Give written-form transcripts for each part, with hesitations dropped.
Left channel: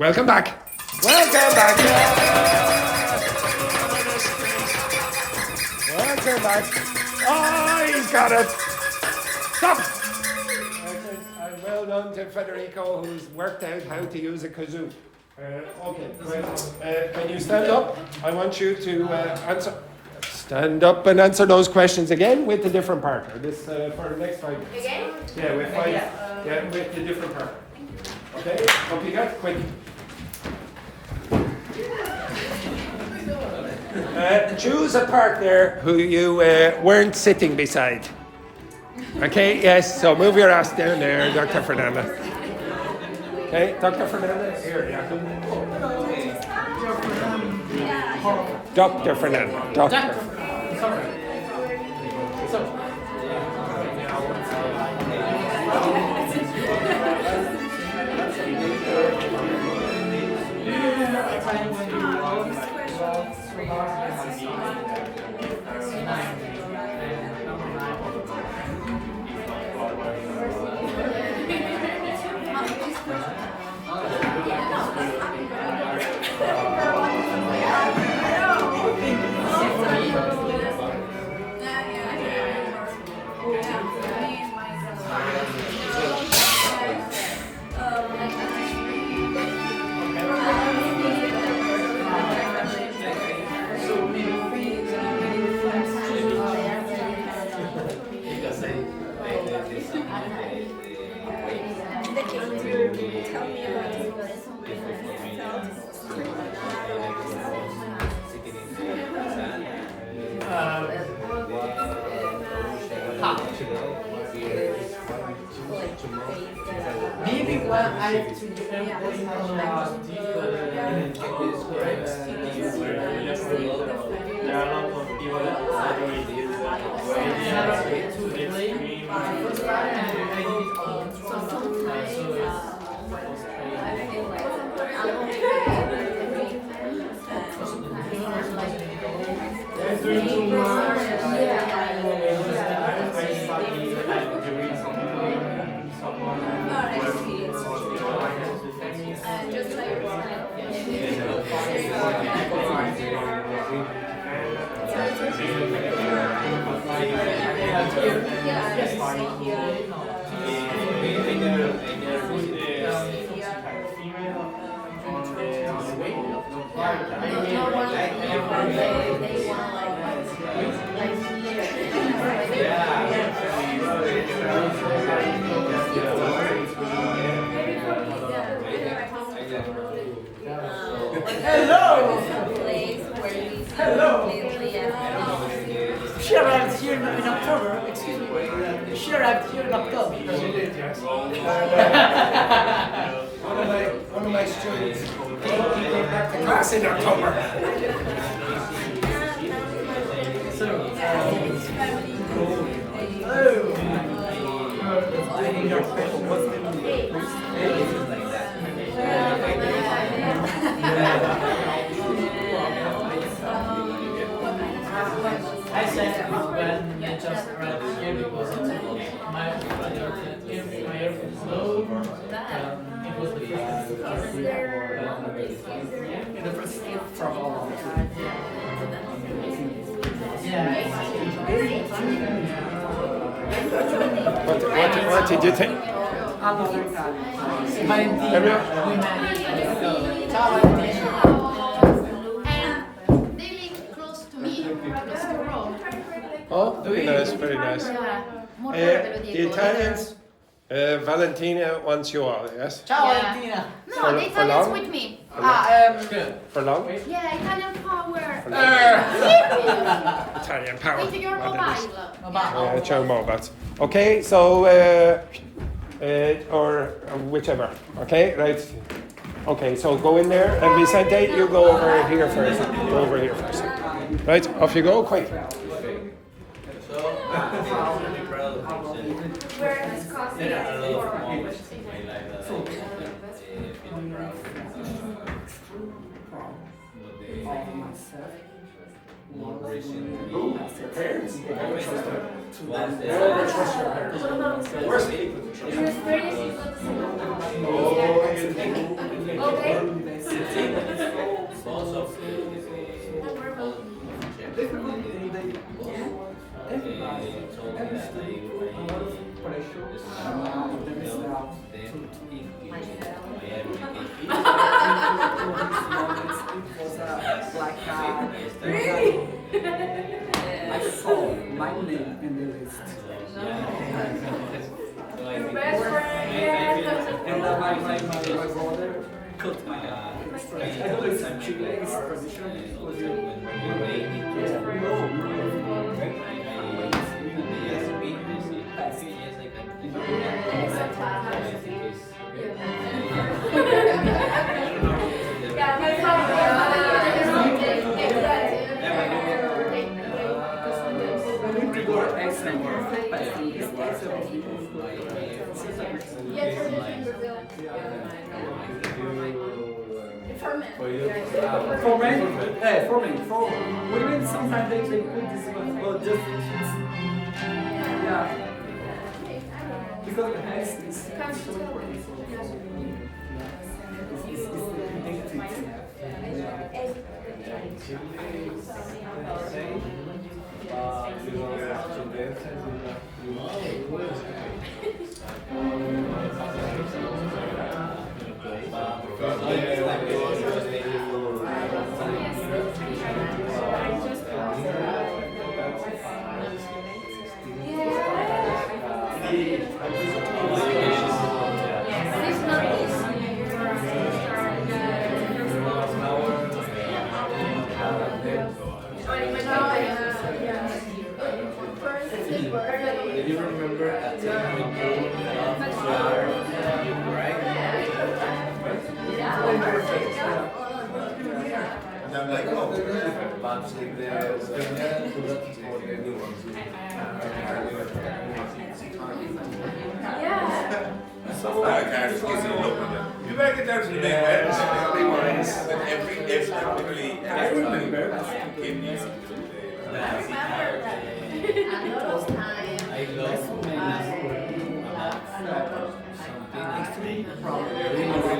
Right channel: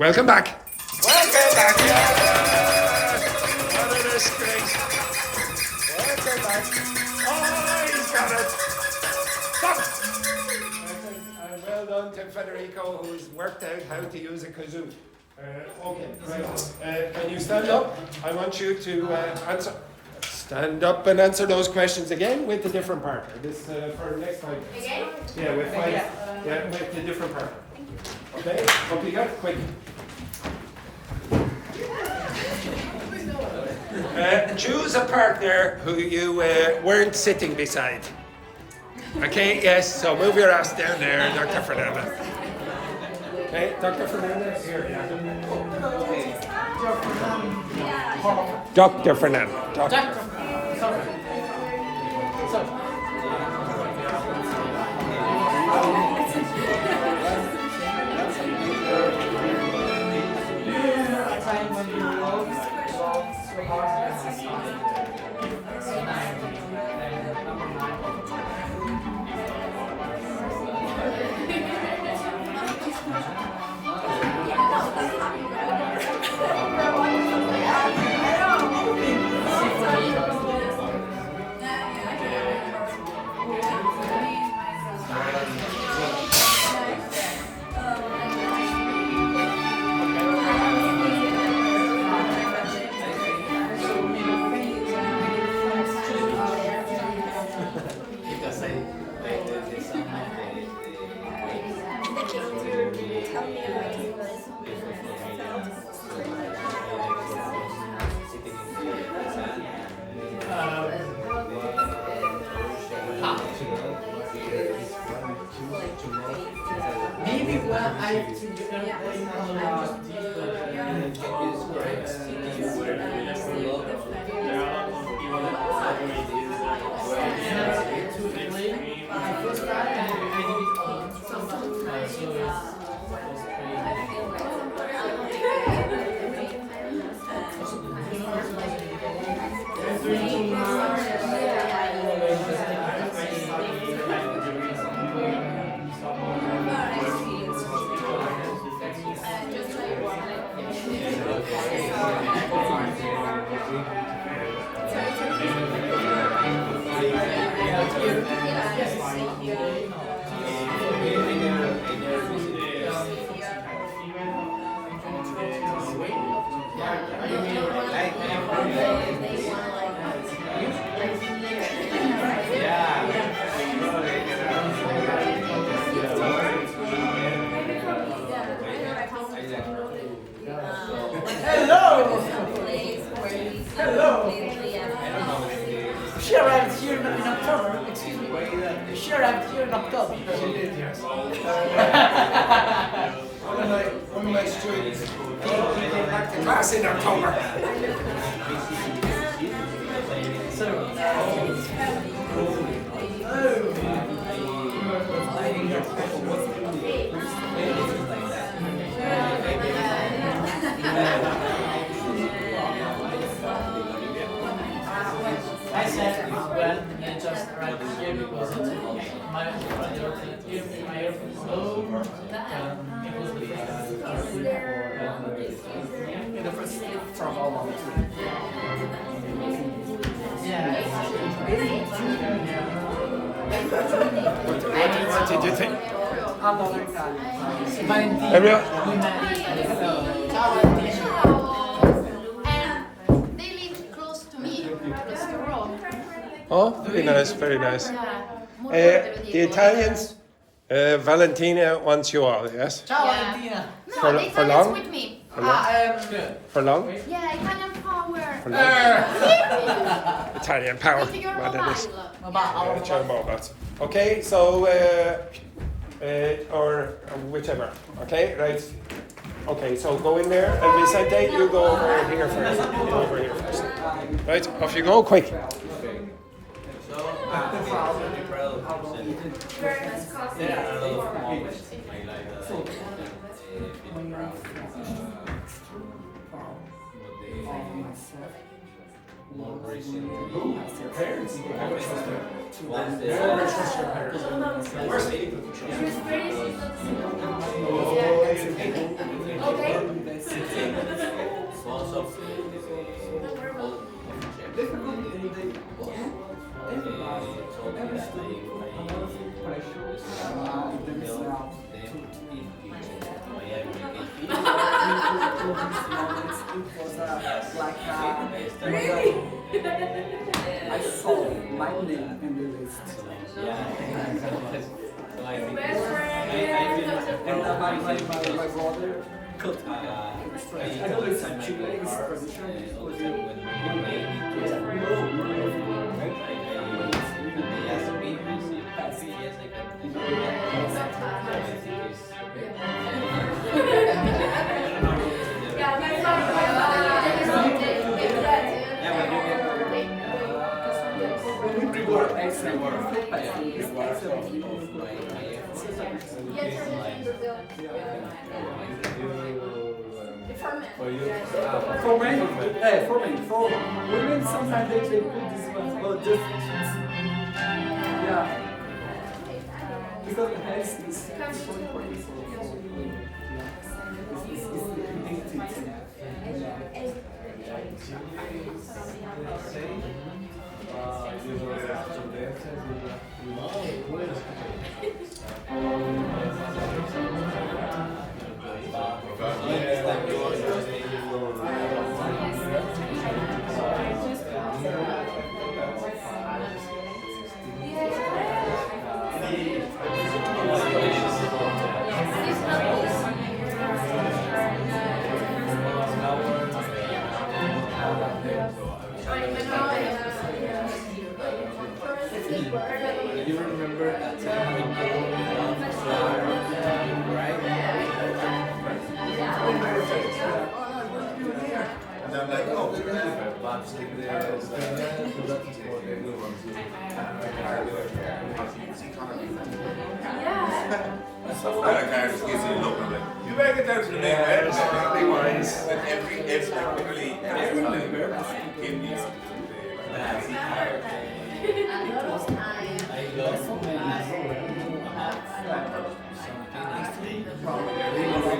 Welcome back. Welcome back. What a disgrace. Welcome back. Oh, he's got it. Stop. Well done to Federico, who's worked out how to use a kazoo. Okay, right. Can you stand up? I want you to answer. Stand up and answer those questions again with a different partner. This for the next 5 minutes. Again? Yeah, with 5. Yeah, with a different partner. Okay, up you go, quick. Choose a partner who you weren't sitting beside. Okay, yes, so move your ass down there, Dr. Fernanda. Okay, Dr. Fernanda, here, yeah. Dr. Fernanda. Tell me about it. Maybe what I have to She arrived here in October. Excuse me. She arrived here in October. One of my students came back to class in October. I said when I just arrived here because my brother my airplane was low. It was the first from all of us. Yeah. What did you think? Oh, very nice, very nice. The Italians, Valentina wants you all, yes? Ciao, Valentina. No, the Italians with me. For long? Yeah, Italian power. Italian power. Into your What it is. mobile. With your mobiles. Okay, so, or whichever, okay, right? Okay, so go in there, and Vicente, you go over here first. Go over here first. Right, off you go, quick. this moment, it was like I saw my name in the list. And my brother cut my hair. I don't know if Chile is traditional because you For women, sometimes they put this one, well, just yeah, because the hair is so important for it's the identity. Do you remember a time when you loved right? And I'm like, oh, but you better get down to the damn I remember. I lost my last word about something normal. But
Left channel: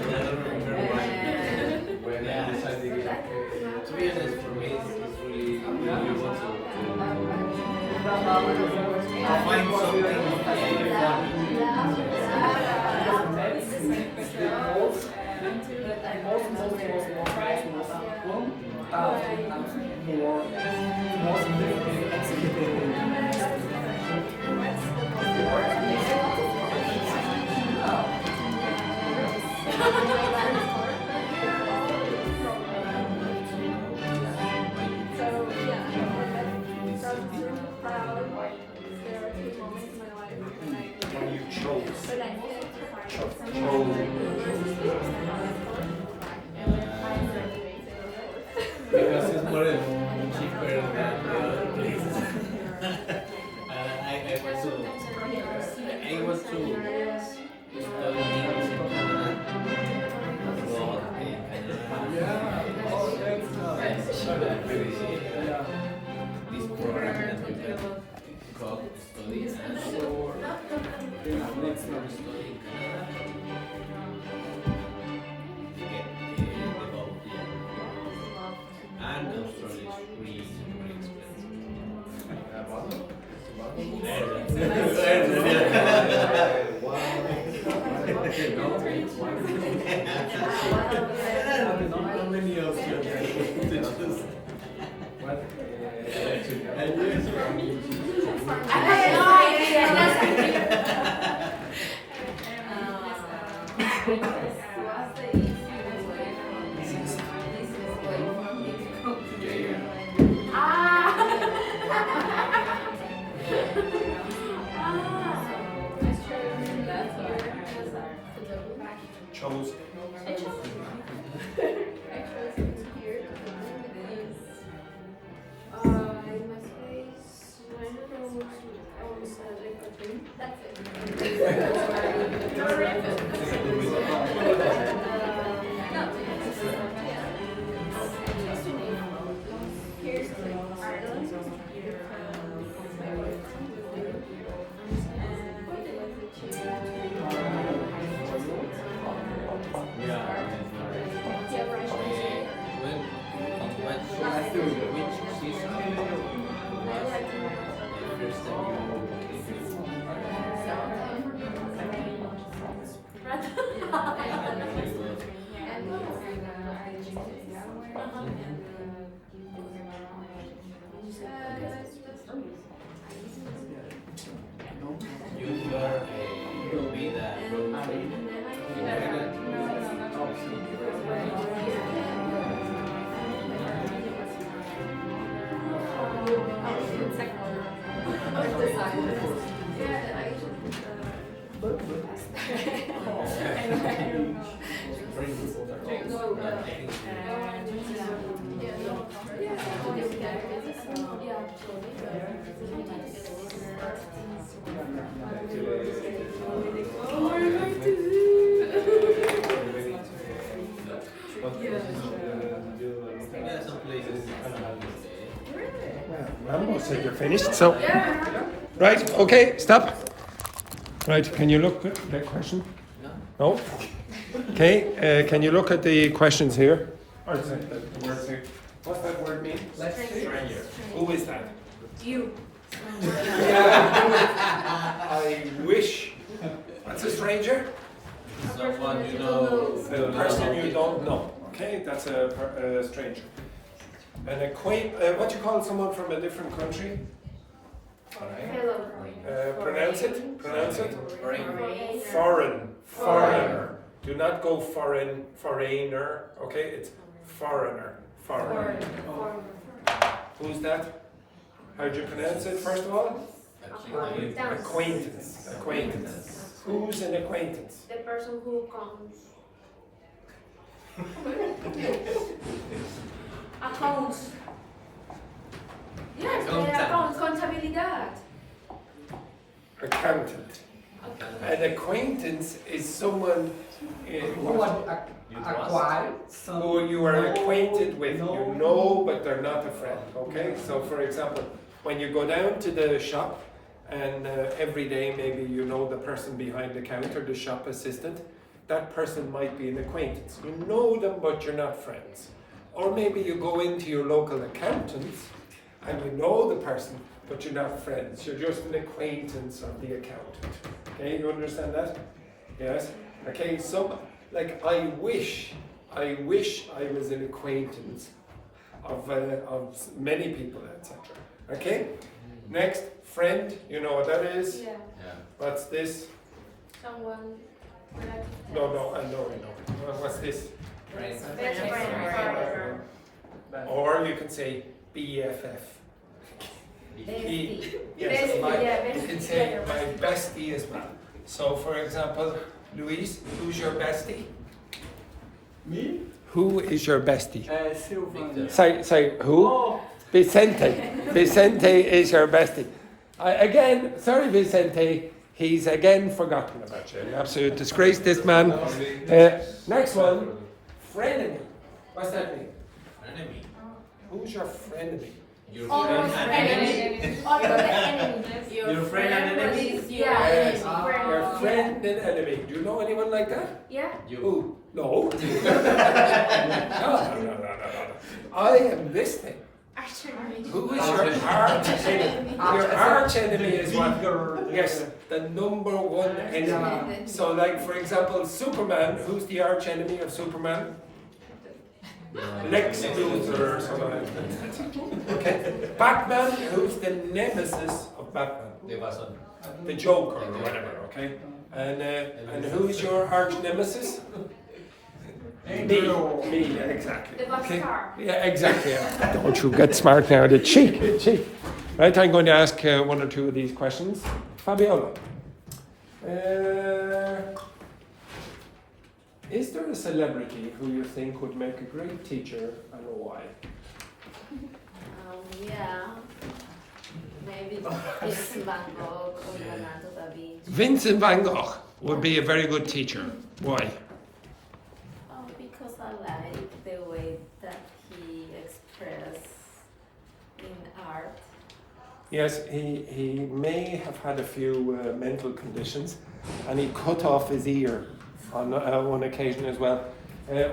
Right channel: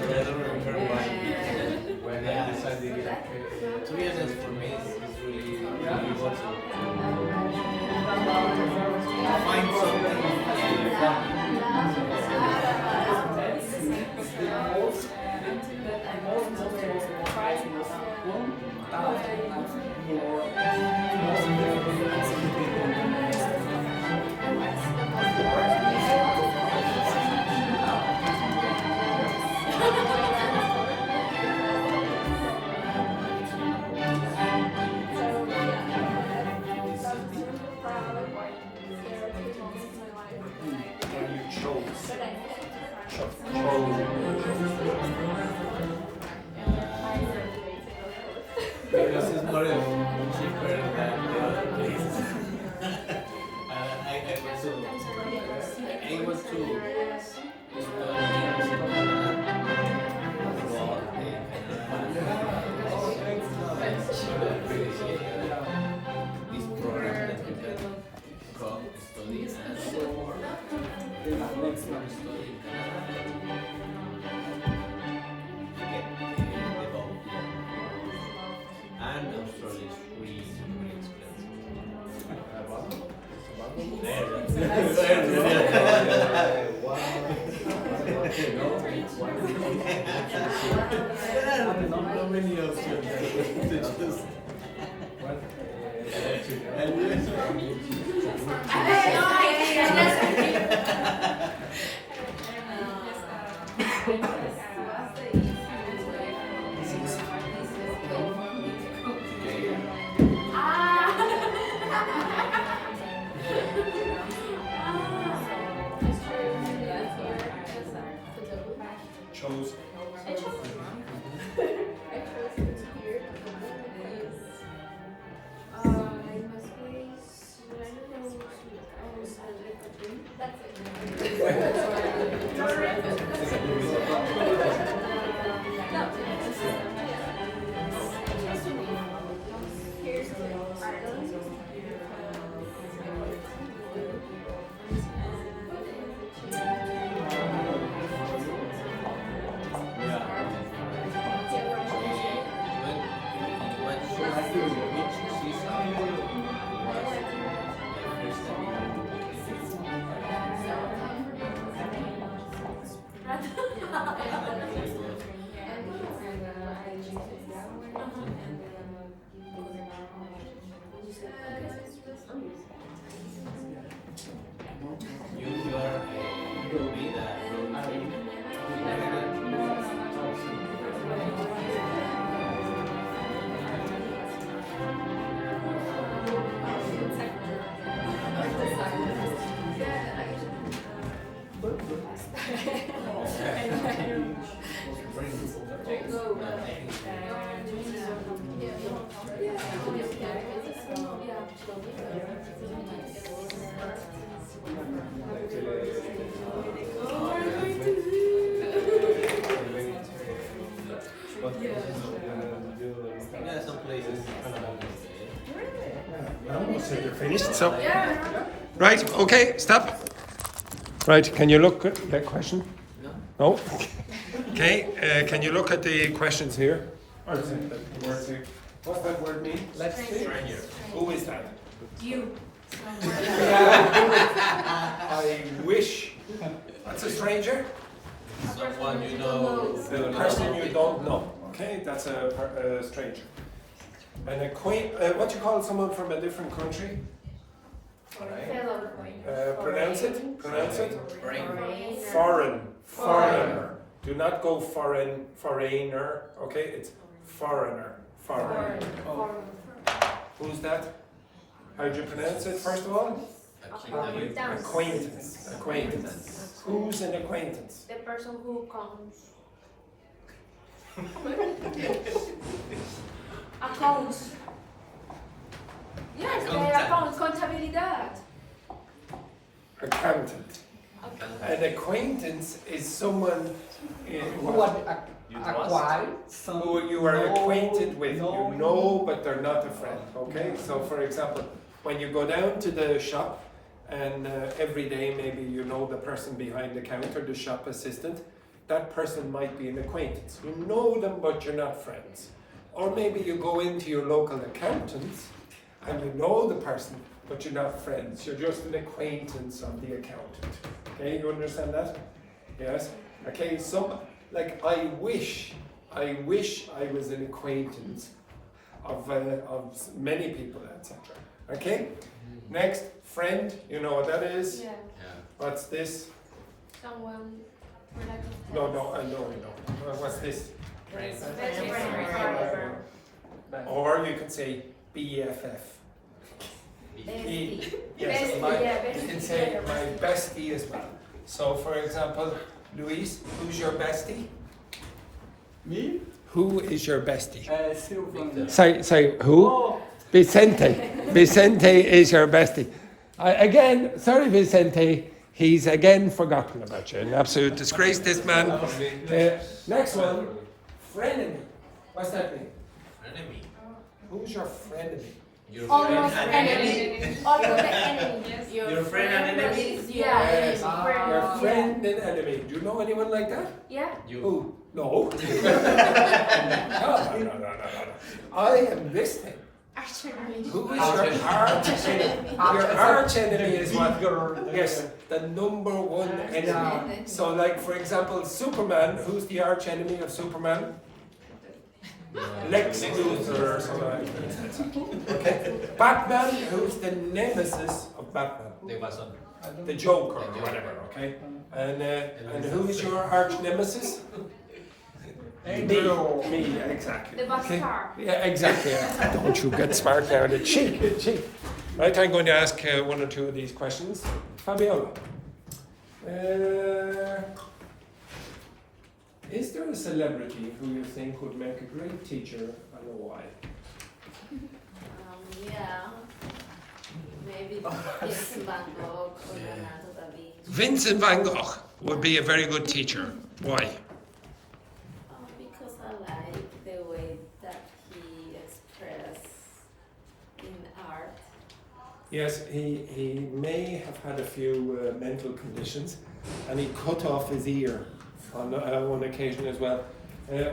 I don't remember when I decided to be honest, for me, it's really important to find something fun. Because it's more cheaper than the other places. I want to study English in Canada, abroad in Canada. This program that we can go study and next one study in Canada. And Australia is really Chose. I chose here that's it. Here's Ireland. You are a rugby that some places. Almost you're finished. So, right, okay, stop. Right, can you look at that question? No. Okay, can you look at the questions here? Or is that the word here? What's that word mean? Stranger. Who is that? You. I wish. What's a stranger? Someone you know. The person you don't know. Okay, that's a stranger. An what do you call someone from a different country? Pronounce it. Pronounce it. Foreign. Foreigner. Do not go foreign. Foreigner. Okay, it's foreigner. Foreigner. Who's that? How do you pronounce it? First of all. Acquaintance. Acquaintance. Who's an acquaintance? The person who comes. Accounts. Yes, accounts, contabilidad. Accountant. An acquaintance is someone who you are acquainted with. You know, but they're not a friend. Okay? So, for example, when you go down to the shop and every day maybe you know the person behind the counter, the shop assistant, that person might be an acquaintance. You know them, but you're not friends. Or maybe you go into your local accountants and you know the person, but you're not friends. You're just an acquaintance of the accountant. Okay, you understand that? Yes? Okay, like I wish I was an acquaintance of many people, etc. Okay? Next, friend, you know what that is? Yeah. What's this? Someone. No, I know. What's this? Best friend. Or you can say BFF. Bestie. Yes, Bestie, you can say my bestie as well. So, for example, Luis, who's your bestie? Me? Who is your bestie? Silvan. Say who? Oh, Vicente. Vicente is your bestie. Again, sorry, Vicente. He's again forgotten about you. An absolute disgrace, this man. Next one, frenemy. What's that mean? Enemy. Who's your frenemy? Your Almost friend and enemy. enemy. Almost enemy. Your friend and enemy. Yeah. Your friend and enemy. Do you know anyone like that? Yeah. Who? No. No. I am this thing. Who is your arch enemy? Your arch enemy is what? Yes, the number one enemy. So, like for example, Superman. Who's the arch enemy of Superman? Lex Luthor or something. Okay. Batman. Who's the nemesis of Batman? The Joker or whatever. Okay. And who's your arch nemesis? Me, exactly. The Okay. Bastard. Yeah, exactly. Don't you get smart now, the cheek. Right, I'm going to ask one or two of these questions. Fabiola. Is there a celebrity who you think would make a great teacher and why? Yeah. Maybe Vincent van Gogh or Leonardo da Vinci. Vincent van Gogh would be a very good teacher. Why? Because I like the way that he expressed in art. Yes, he may have had a few mental conditions, and he cut off his ear on one occasion as well.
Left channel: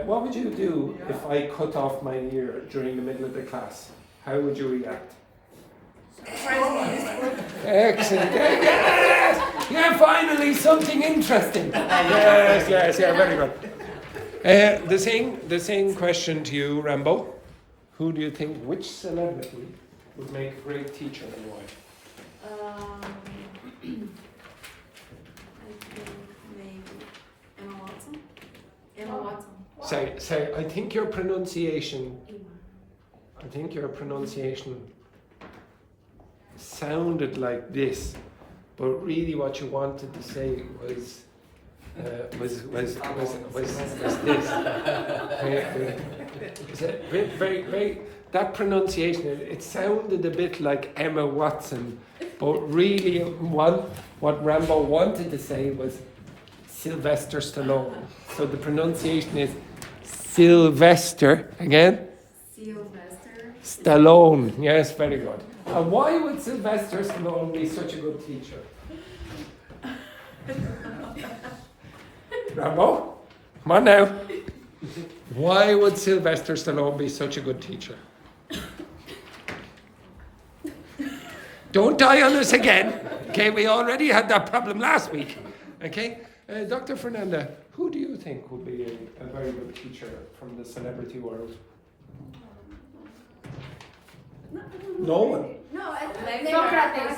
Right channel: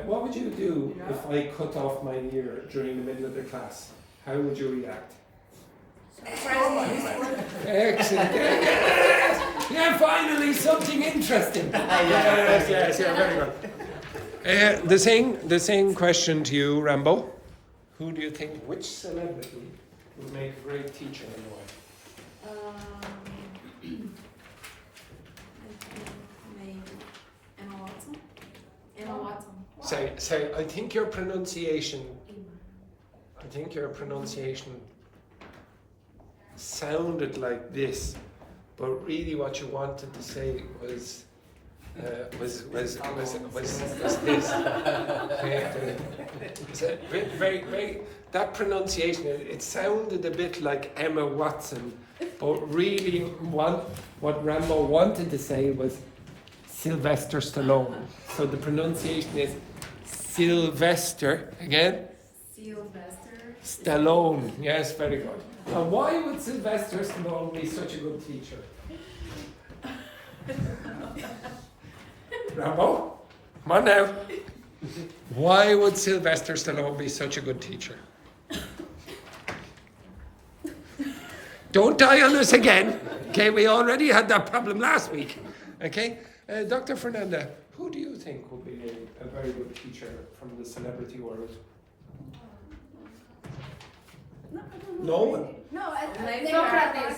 What would you do if I cut off my ear during the middle of the class? How would you react? Excellent. Yes! Yeah, finally something interesting. Yes, very good. The same question to you, Rambo. Who do you think, which celebrity would make a great teacher and why? I think maybe Emma Watson. Emma Watson. Say, I think your pronunciation sounded like this, but really what you wanted to say was this. Very, that pronunciation, it sounded a bit like Emma Watson, but really what Rambo wanted to say was Sylvester Stallone. So the pronunciation is Sylvester, again? Sylvester Stallone, yes, very good. And why would Sylvester Stallone be such a good teacher? Rambo, come on now. Why would Sylvester Stallone be such a good teacher? Don't die on us again. Okay, we already had that problem last week. Okay, Dr. Fernanda, who do you think would be a very good teacher from the celebrity world? No? No, Socrates.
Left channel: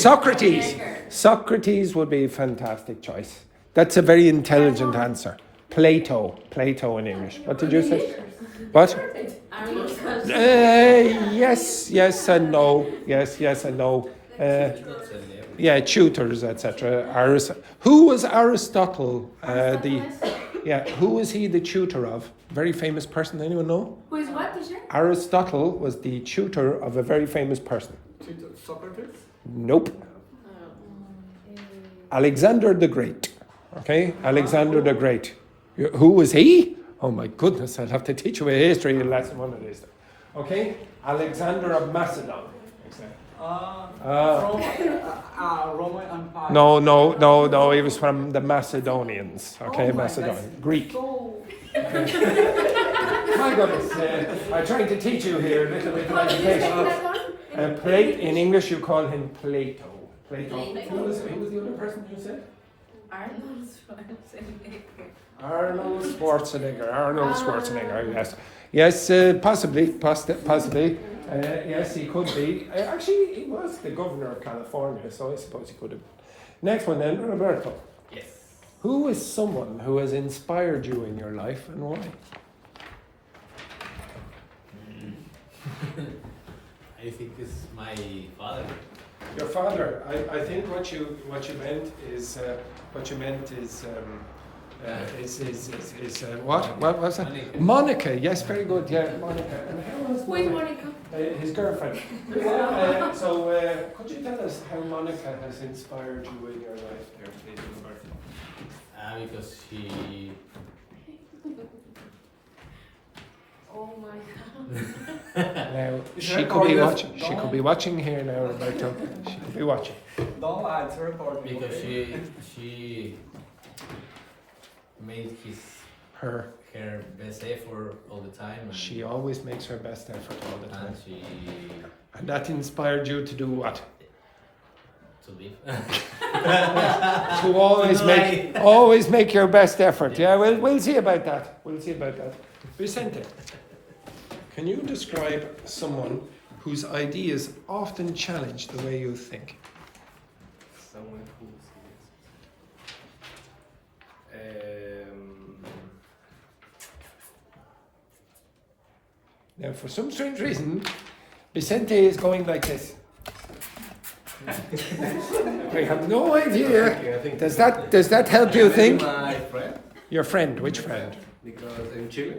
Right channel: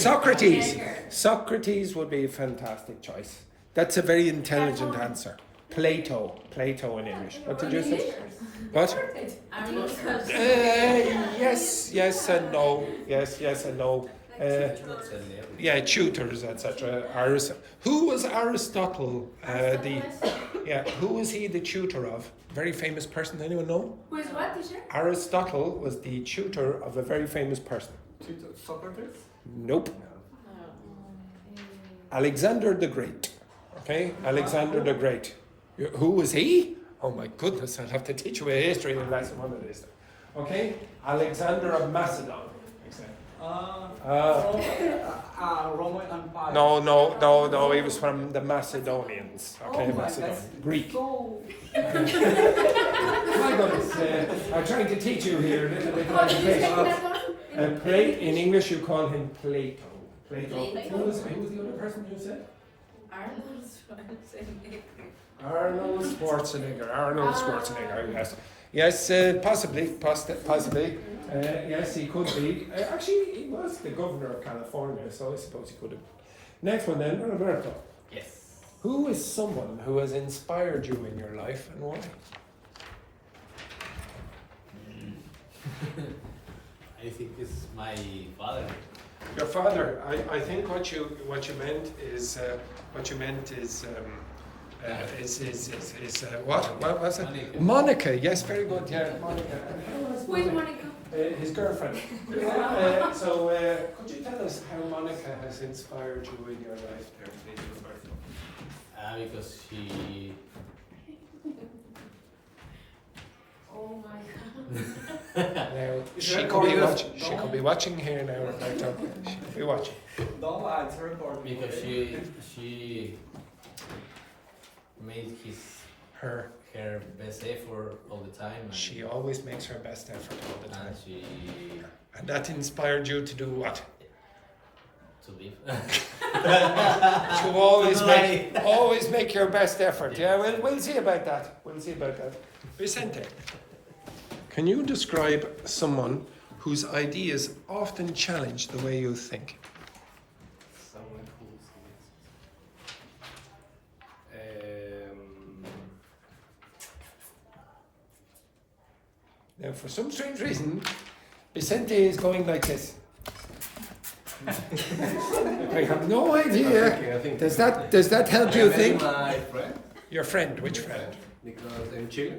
Socrates. Socrates would be a fantastic choice. That's a very intelligent answer. Plato in English. What did you say? What? Yes and no. Yes and no. Tutors, etc. Who was Aristotle? Who was he the tutor of? Very famous person. Anyone know? Who is what, teacher? Aristotle was the tutor of a very famous person. Socrates? Nope. Alexander the Great. Okay, Alexander the Great. Who was he? Oh my goodness, I'll have to teach you a history lesson one of these. Okay, Alexander of Macedon. Roman Empire. No, he was from the Macedonians. Okay, Macedonian. Greek. My goodness, I'm trying to teach you here a little bit of education. In English you call him Plato. Who was the other person you said? Arnold Schwarzenegger, yes. Possibly. Yes, he could be. Actually, he was the governor of California, so I suppose he could have. Next one then, Roberto. Yes. Who is someone who has inspired you in your life and why? I think it's my father. Your father. I think what you meant is what was it? Monica. Yes, very good. Yeah, Monica. Who is Monica? His girlfriend. Could you tell us how Monica has inspired you in your life, Because she. Oh my God. She could be watching here now. Roberto. She could be watching. Don't lie, it's recording. Because she made her best effort all the time. And She always makes her best effort all the time. And that inspired you to do what? to live. To always make your best effort. Yeah, we'll see about that. Vicente, can you describe someone whose ideas often challenge the way you think? Someone who's Now, for some strange reason, Vicente is going like this. I have no idea. Does that help you think? my friend, Your friend, which friend? because in Chile,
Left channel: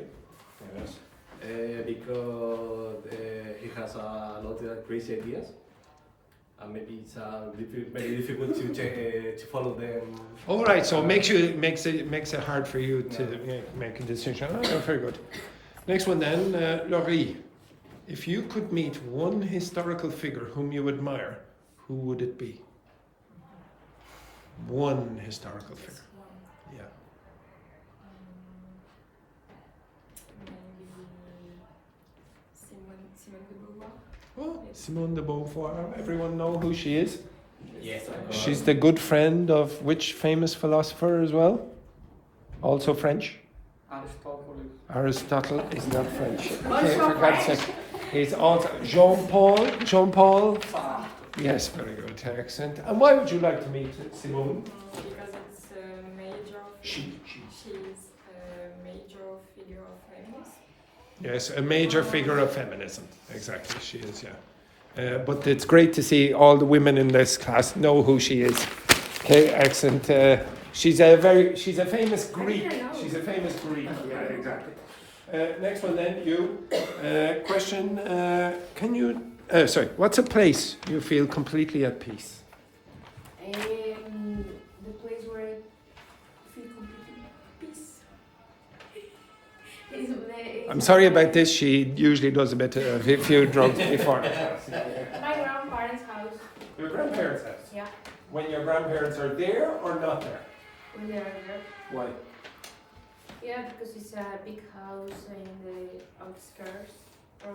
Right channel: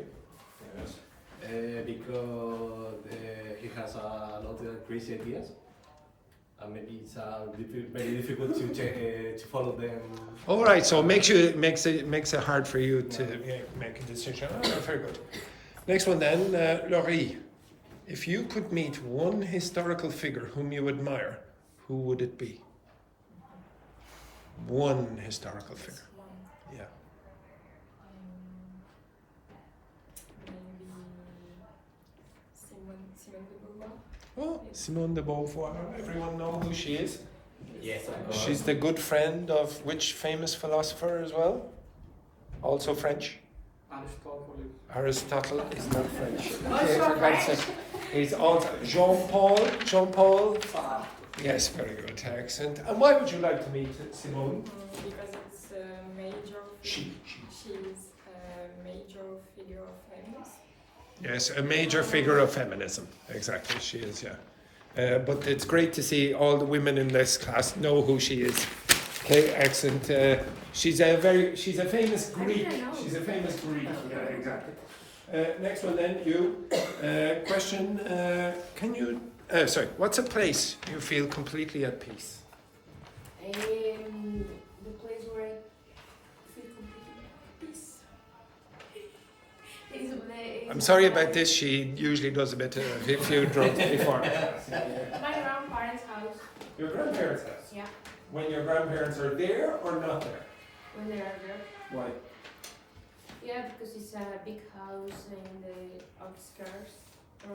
because he has a lot of crazy ideas, and maybe it's very difficult to follow them. All right, so makes it hard for you to make a decision. Oh, yeah, very good. Next one then, Laurie. If you could meet one historical figure whom you admire, who would it be? One historical figure. Yeah. Maybe Simone de Beauvoir. Oh, Simone de Beauvoir. Everyone know who she is? Yes, of course. She's the good friend of which famous philosopher as well? Also French? Aristotle is not French. Okay, for God's sake. He's also Jean-Paul. Jean-Paul? Yes, very good. Excellent. And why would you like to meet Simone? Because it's a major. She. She's a major figure of feminism. Yes, a major figure of feminism. Exactly, she is, yeah. But it's great to see all the women in this class know who she is. Okay, excellent. She's a famous Greek. She's a famous Greek. Yeah, exactly. Next one then, you. Question, can you, sorry, what's a place you feel completely at peace? The place where I feel completely at peace. I'm sorry about this, she usually does a few drugs before. My grandparents' house. Your grandparents' house? Yeah. When your grandparents are there or not there? When they are there. Why? Yeah, because it's a big house in the outskirts to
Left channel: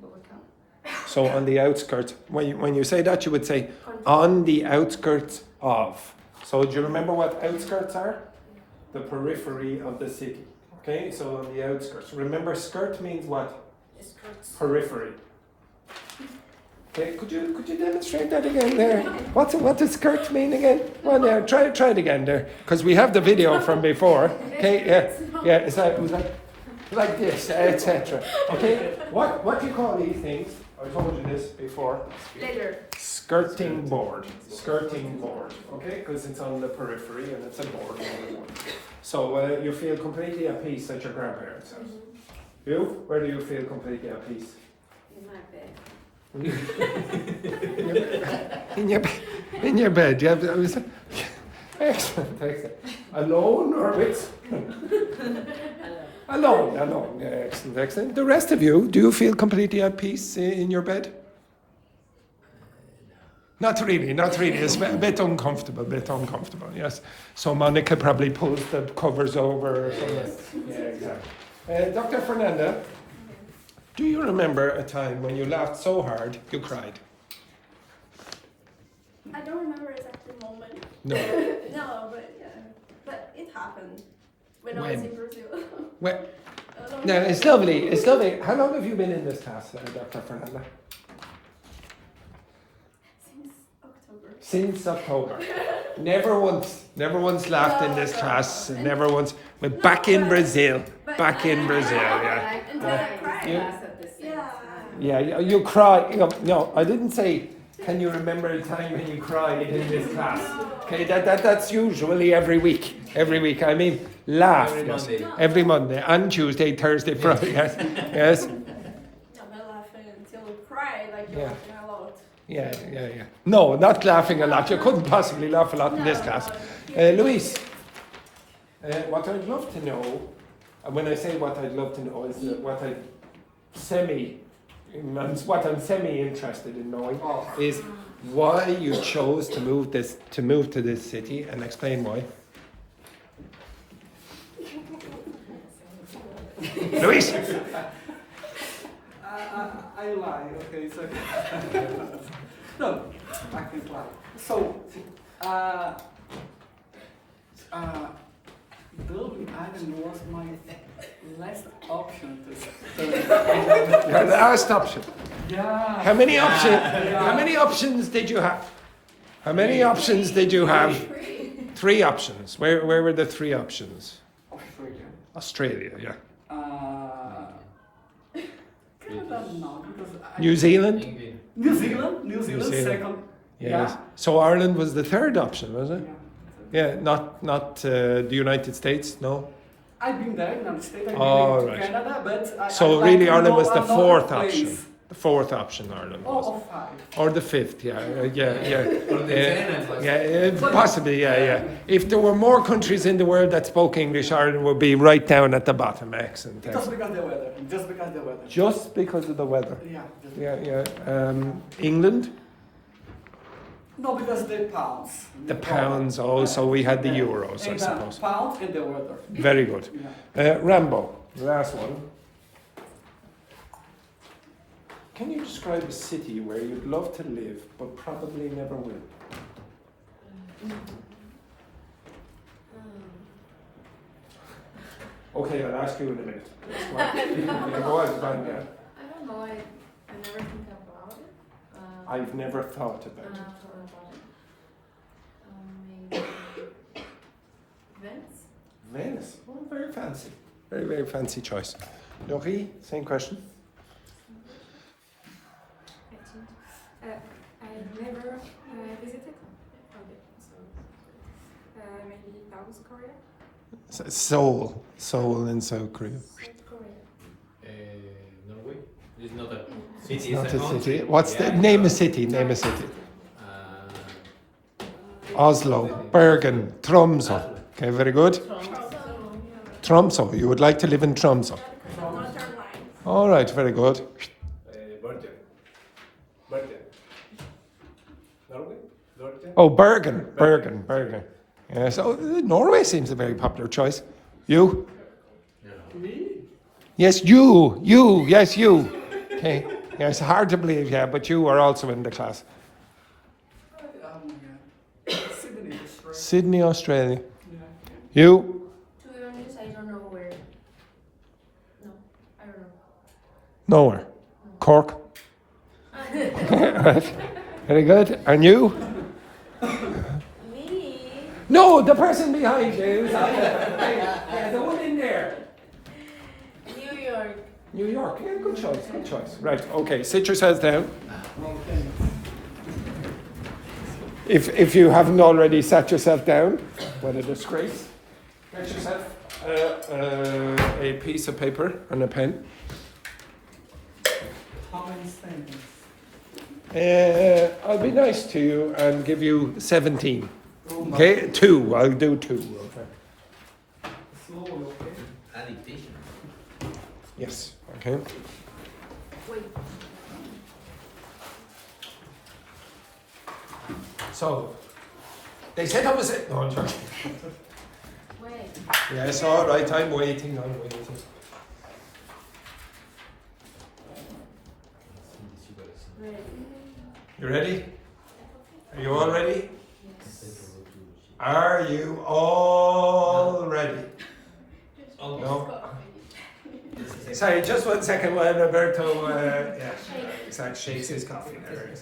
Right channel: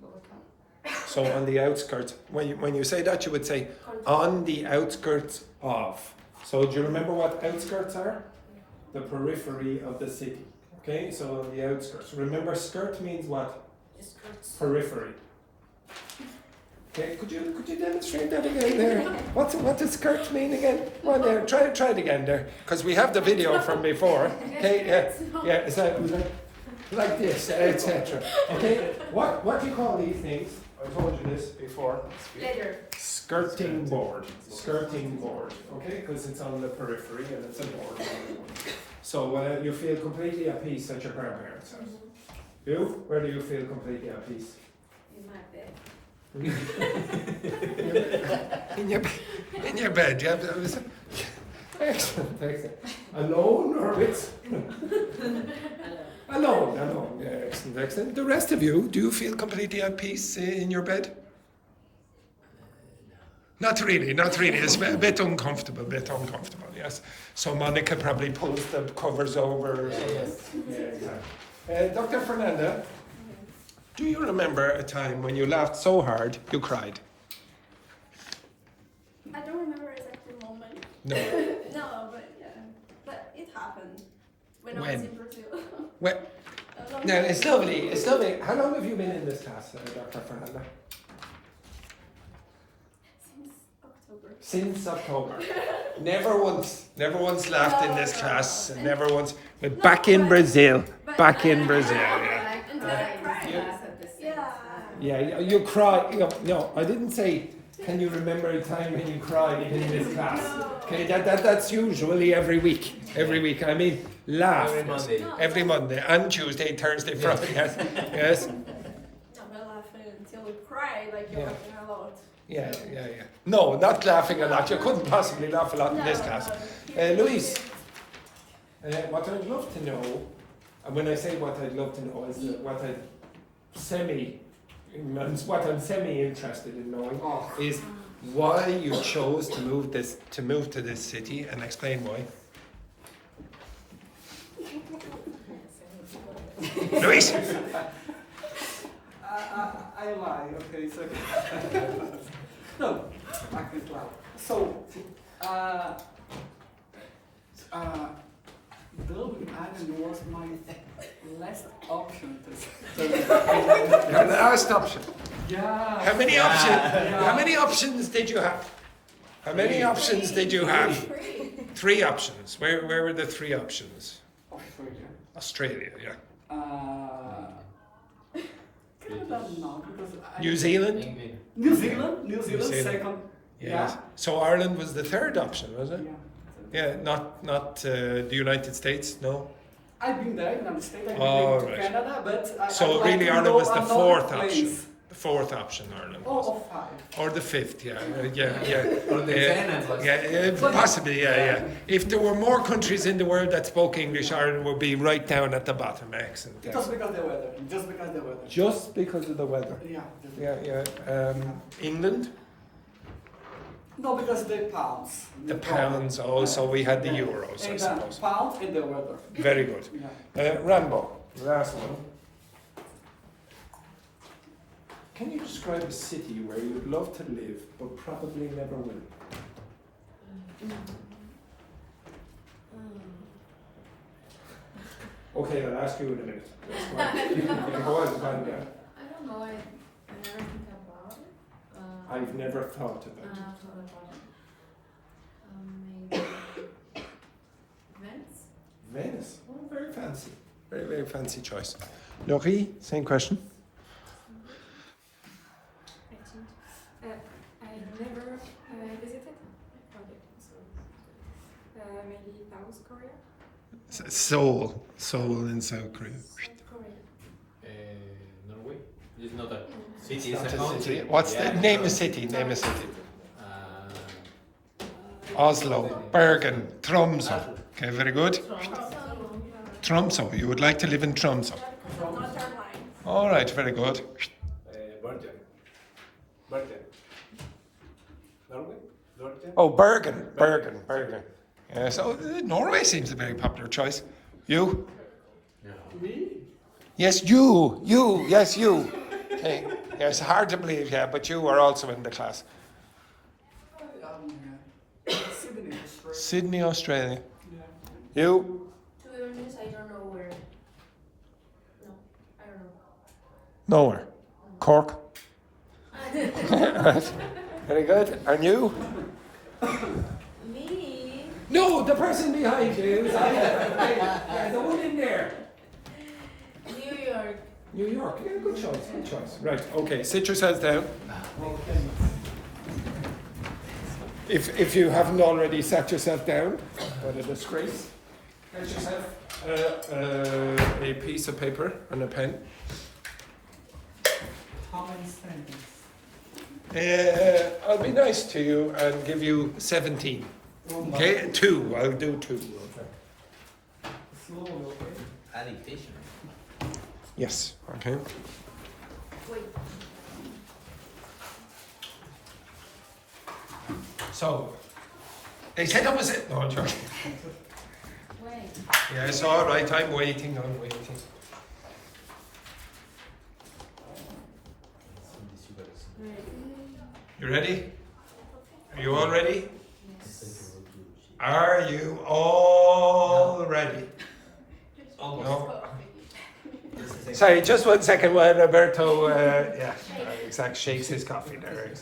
Bogota. So on the outskirts, when you say that, you would say on the outskirts of. So do you remember what outskirts are? The periphery of the city. Okay, so on the outskirts. Remember, skirt means what? Skirts. Periphery. Okay, could you demonstrate that again there? What does skirt mean again? Well, now try it again there, because we have the video from before. Okay, yeah, it's like this, etc. Okay, what do you call these things? I told you this before. Later. Skirting board. Okay, because it's on the periphery and it's a board. So you feel completely at peace at your grandparents' house. You? Where do you feel completely at peace? In my bed. in your bed, yeah. Excellent. Alone or with? Alone. Yeah, excellent. The rest of you, do you feel completely at peace in your bed? Not really. It's a bit uncomfortable, yes. So Monica probably pulls the covers over. Yes. Yeah, exactly. Dr. Fernanda, do you remember a time when you laughed so hard you cried? I don't remember exactly the moment. No. No, but yeah. But it happened when I was in Brazil. Well, no, it's lovely. How long have you been in this class, Dr. Fernanda? Since October. Never once laughed in this class. Never once. But back in Brazil. Yeah. Until I cried. Yeah, you cry. No, I didn't say. Can you remember a time when you cried in this class? Okay, that's usually every week. I mean, laugh. Every Monday and Tuesday, Thursday, Friday. Yes. No, but laughing until you cry, like you're laughing a lot. Yeah. No, not laughing a lot. You couldn't possibly laugh a lot in this class. Louise, what I'd love to know, and when I say what I'd love to know, is what I'm semi-interested in knowing is why you chose to move to this city, and explain why. Louise. I lie, okay, so no, I can't lie. So, Dublin Island was my last option to study. Your last option. Yeah. How many options? How many options did you have? How many options did you have? 3 options. Where were the 3 options? Australia, yeah. Canada, no, because New Zealand? New Zealand, second. Yeah. So Ireland was the 3rd option, was it? Yeah. Yeah, not the United States, no? I've been there in the United States, I've been to right. Canada, but So I'd really like to Ireland know was the another 4th place. option. The 4th option, Ireland was. Or 5. Or the 5th, yeah. Or the 10th. Possibly, yeah. If there were more countries in the world that spoke English, Ireland would be right down at the bottom. Excellent. Just because the weather. Just because of the weather. Yeah. Yeah. England? No, because the pounds. The pounds also, we had the euros, I and suppose. the pounds and the weather. Very good. Yeah. Rambo, last one. Can you describe a city where you'd love to live but probably never will? Okay, I'll ask you in a minute. Go on, find that. I don't know. I never think about it. I've never thought about it. Thought about it. Maybe Venice. Venice. Oh, very fancy. Very, very fancy choice. Laurie, same question. I think. I've never visited. Okay, so maybe South Korea. Seoul in South Korea. South Korea. Norway. It's not a city. It's Not a a country. city. What's Yeah, the name of city? Name a city. Oslo, Bergen, Tromsø. Okay, very good. Tromsø. You would like to live in Tromsø. Northern line. All right, very good. Bergen. Bergen. Norway? Bergen? Oh, Bergen. Yes, oh, Norway seems a very popular choice. You? Me? Yes, you. Yes, you. Okay. Yeah, it's hard to believe, yeah, but you are also in the class. Sydney, Australia. Sydney, Australia. Yeah. You? To be honest, I don't know where. No, I don't know. Nowhere. Cork. Very good. And you? Me? No, the person behind you. Yeah, the one in there. New York. New York. Yeah, good choice. Good choice. Right. Okay. Sit yourselves down. Okay. If you haven't already sat yourself down, what a disgrace. Get yourself a piece of paper and a pen. How many sentences? I'll be nice to you and give you 17. Oh my- Okay, 2. I'll do 2. Okay. Slowly, okay? Dictation. Yes. Okay. Wait. So, they said I was it. No, I'm joking. Wait. Yes, all right. I'm waiting. You ready? Are you all ready? Are you all ready? No. Sorry, just 1 second while Roberto, shakes his coffee there.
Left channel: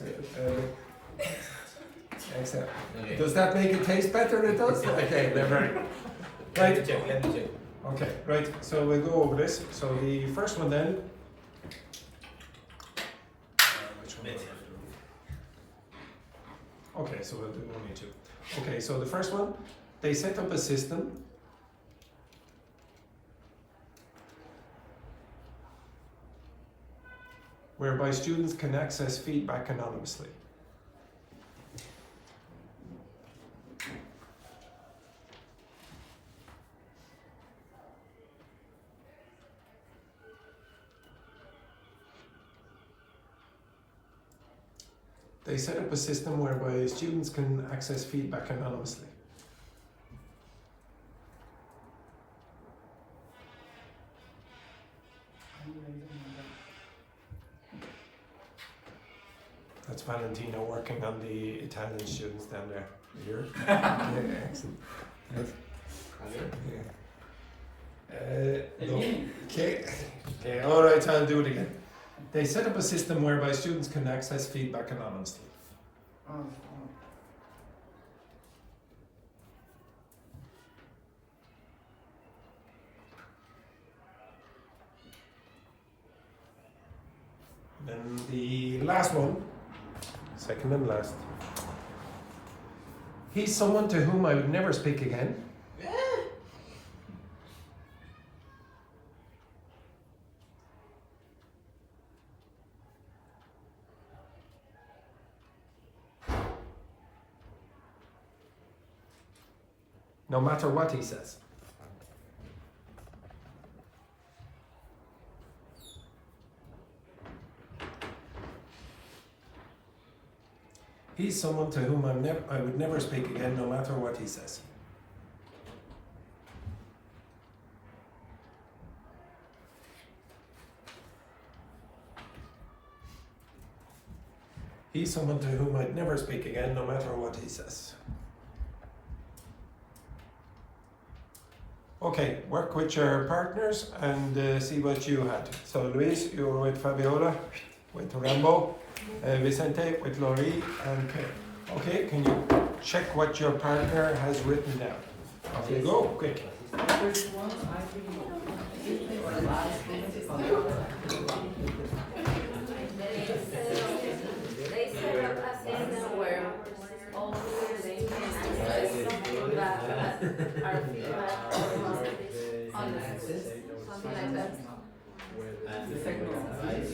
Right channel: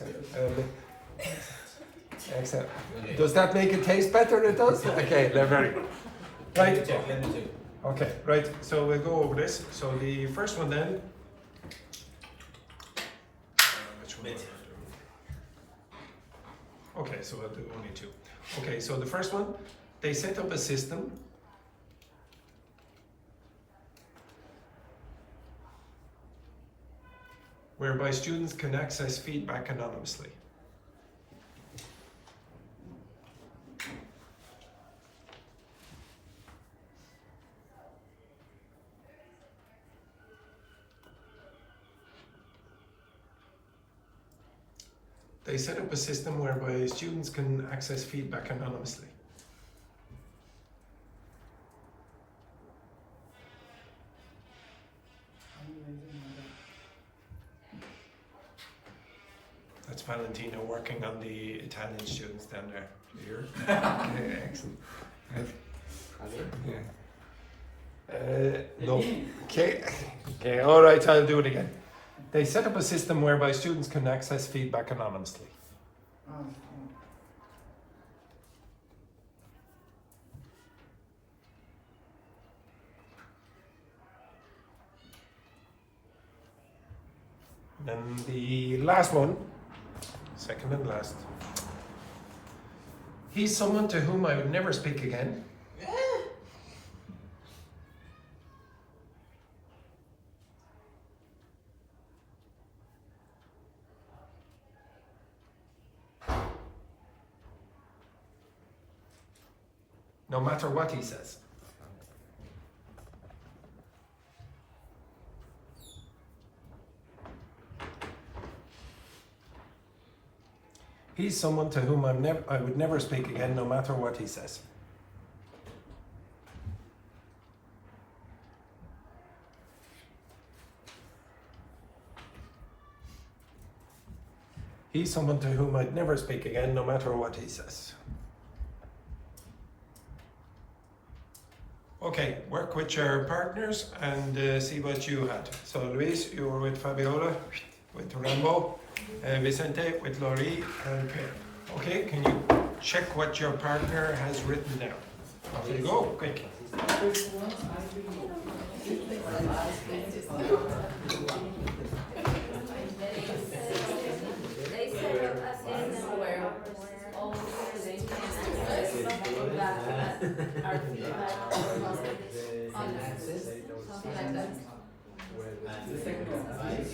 Excellent. Does that make it taste better? It does? Okay, they're very good. Let me Right. check. Okay, right. So we'll go over this. So the first one then. Which one? was it? Okay, so we'll do only 2. Okay, so the first one, they set up a system whereby students can access feedback anonymously. They set up a system whereby students can access feedback anonymously. That's Valentino working on the Italian students down there. Here. Yeah, excellent. Right. Yeah. No. Okay, all right, I'll do it again. They set up a system whereby students can access feedback anonymously. Oh. Then the last one, second and last. He's someone to whom I would never speak again. No matter what he says. He's someone to whom I would never speak again, no matter what he says. He's someone to whom I'd never speak again, no matter what he says. Okay, work with your partners and see what you had. So Luis, you were with Fabiola, with Rambo, Vicente with Laurie and Pedro. Okay, can you check what your partner has written down? Off you go, quick. First one, They set up a system where all the they can access that are honest, something like that. The second one,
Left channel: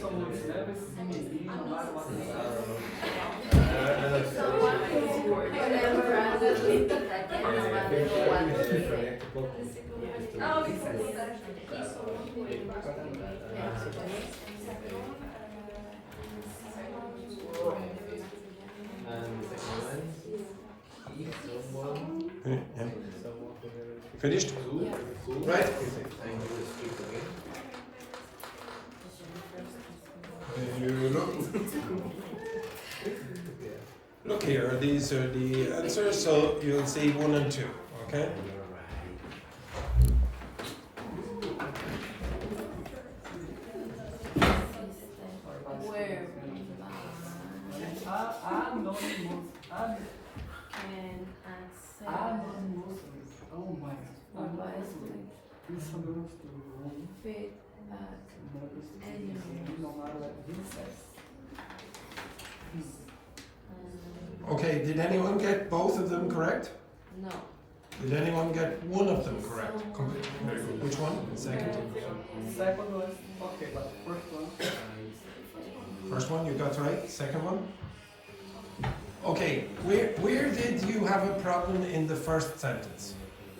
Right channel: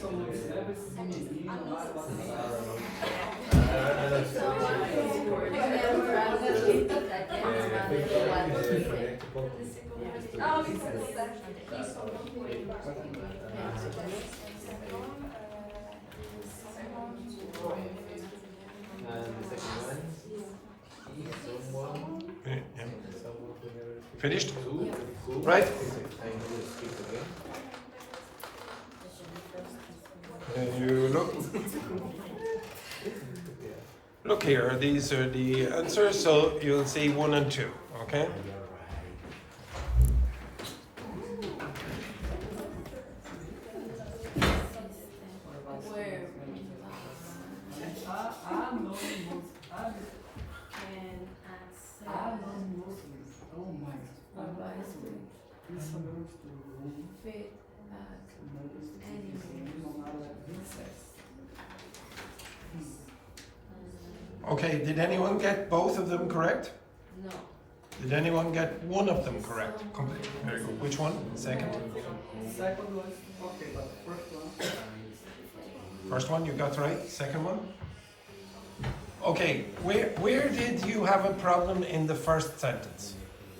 someone who's never seen me, no matter what they say. Someone who never randomly that can no matter what they say. Oh, because that's Finished? Right? You look here, these are the answers, so you'll see 1 and 2, okay? Where Okay, did anyone get both of them correct? no. Did anyone get one of them correct? Very good. Which one? Second? Second one, okay, but first one. First one you got right? Second one? Okay, where did you have a problem in the first sentence?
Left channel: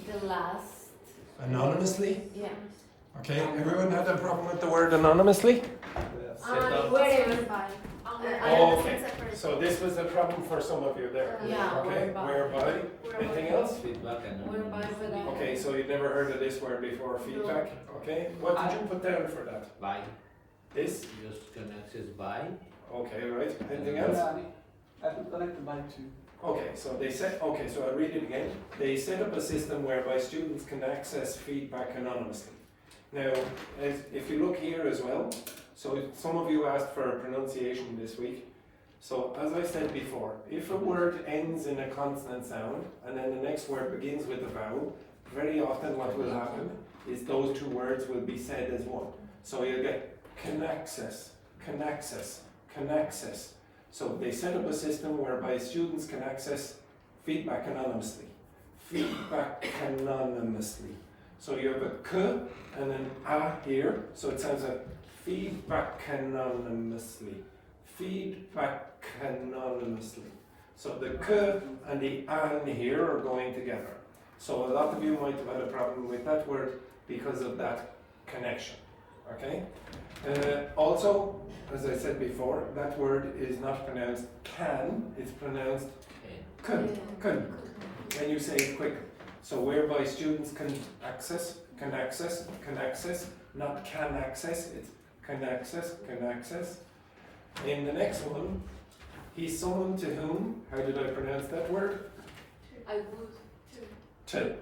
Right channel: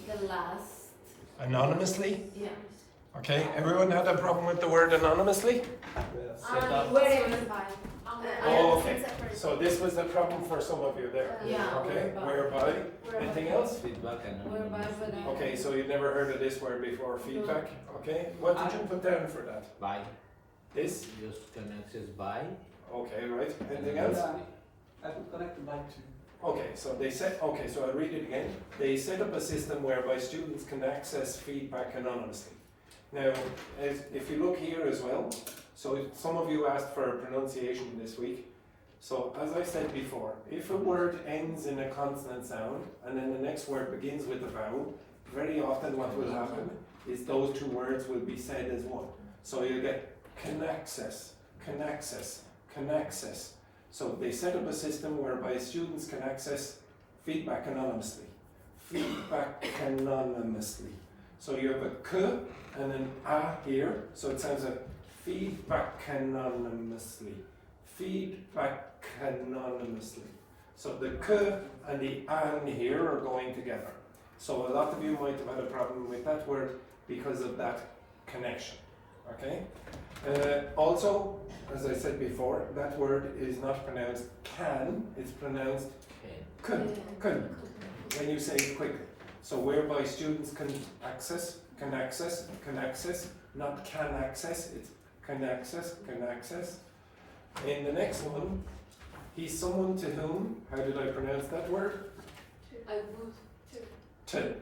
The last, Anonymously? yeah. Okay, everyone had a problem with the word anonymously? Wherever. Oh, okay. So this was a problem for some of you there. Yeah, Okay, whereby? Anything else? Feedback and Whereby, but Okay, so you've never heard of this word before, feedback? Okay, what did you put down for that? by. This? Just can access by. Okay, right. Anything else? I could connect by two. Okay, so they said, okay, so I'll read it again. They set up a system whereby students can access feedback anonymously. Now, if you look here as well, so some of you asked for a pronunciation this week. So as I said before, if a word ends in a consonant sound and then the next word begins with a vowel, very often what will happen is those two words will be said as one. So you'll get can access, can access, can access. So they set up a system whereby students can access feedback anonymously. Feedback anonymously. So you have a k and an a here, so it sounds like feedback anonymously. Feedback anonymously. So the k and the an here are going together. So a lot of you might have had a problem with that word because of that connection. Okay? Also, as I said before, that word is not pronounced can, it's pronounced kun, when you say it quick. So whereby students can access, not can access, it's can access. In the next one, he's someone to whom, how did I pronounce that word? I would To.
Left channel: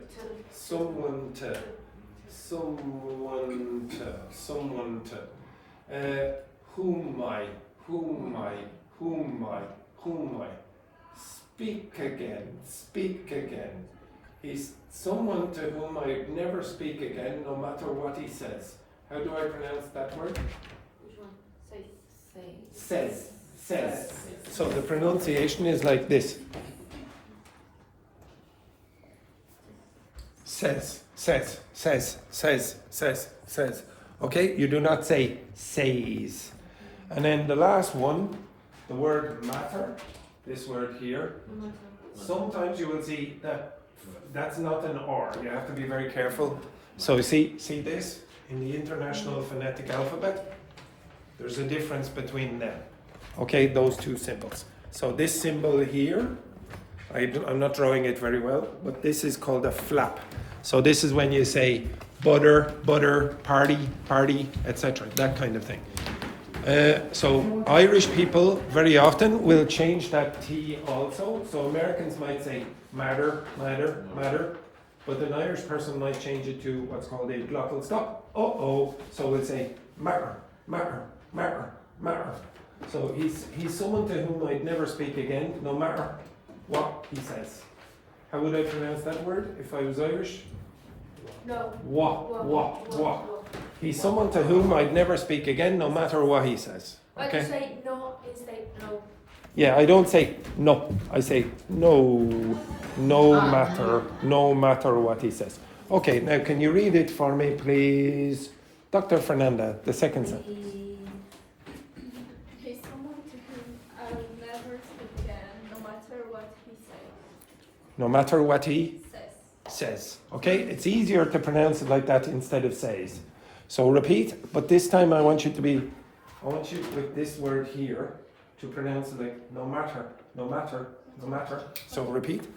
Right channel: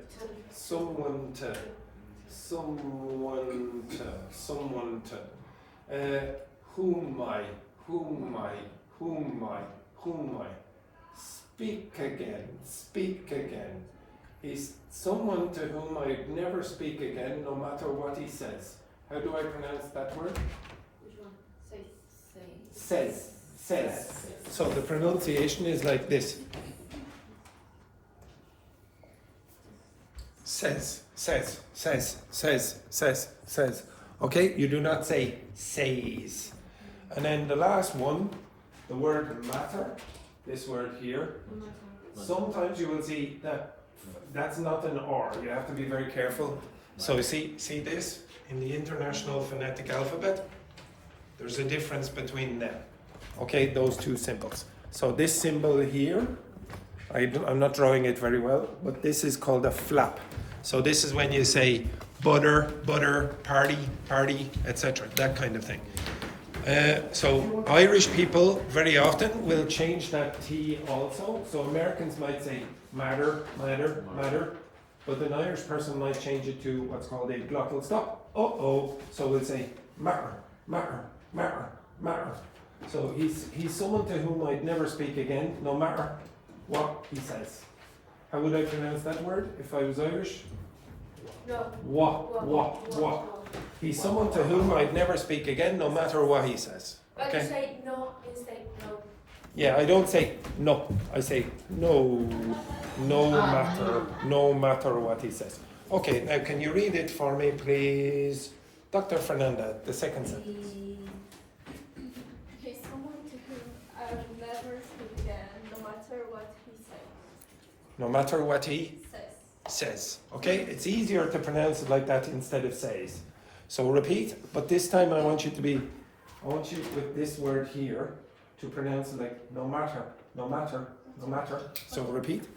Someone to. Whom I. Speak again. He's someone to whom I never speak again, no matter what he says. How do I pronounce that word? Which one? Say. Says. So the pronunciation is like this. Says. Okay, you do not say says. And then the last one, the word matter, this word here. Sometimes you will see that that's not an R. You have to be very careful. So see this in the International Phonetic Alphabet? There's a difference between them. Okay, those two symbols. So this symbol here, I'm not drawing it very well, but this is called a flap. So this is when you say butter, party, etc. That kind of thing. So Irish people very often will change that T also. So Americans might say matter, matter, matter, but an Irish person might change it to what's called a glottal stop. Uh-oh. So we'll say matter, matter, matter, matter. So he's someone to whom I'd never speak again, no matter what he says. How would I pronounce that word if I was Irish? No. What. He's someone to whom I'd never speak again, no matter what he says. But you say no instead no. Yeah, I don't say no. I say no, no matter what he says. Okay, now can you read it for me, please? Dr. Fernanda, the second sentence. He's someone to whom I will never speak again, no matter what he says. No matter what he says. Okay, it's easier to pronounce it like that instead of says. So repeat, but this time I want you with this word here to pronounce it like no matter, no matter, no matter. So repeat.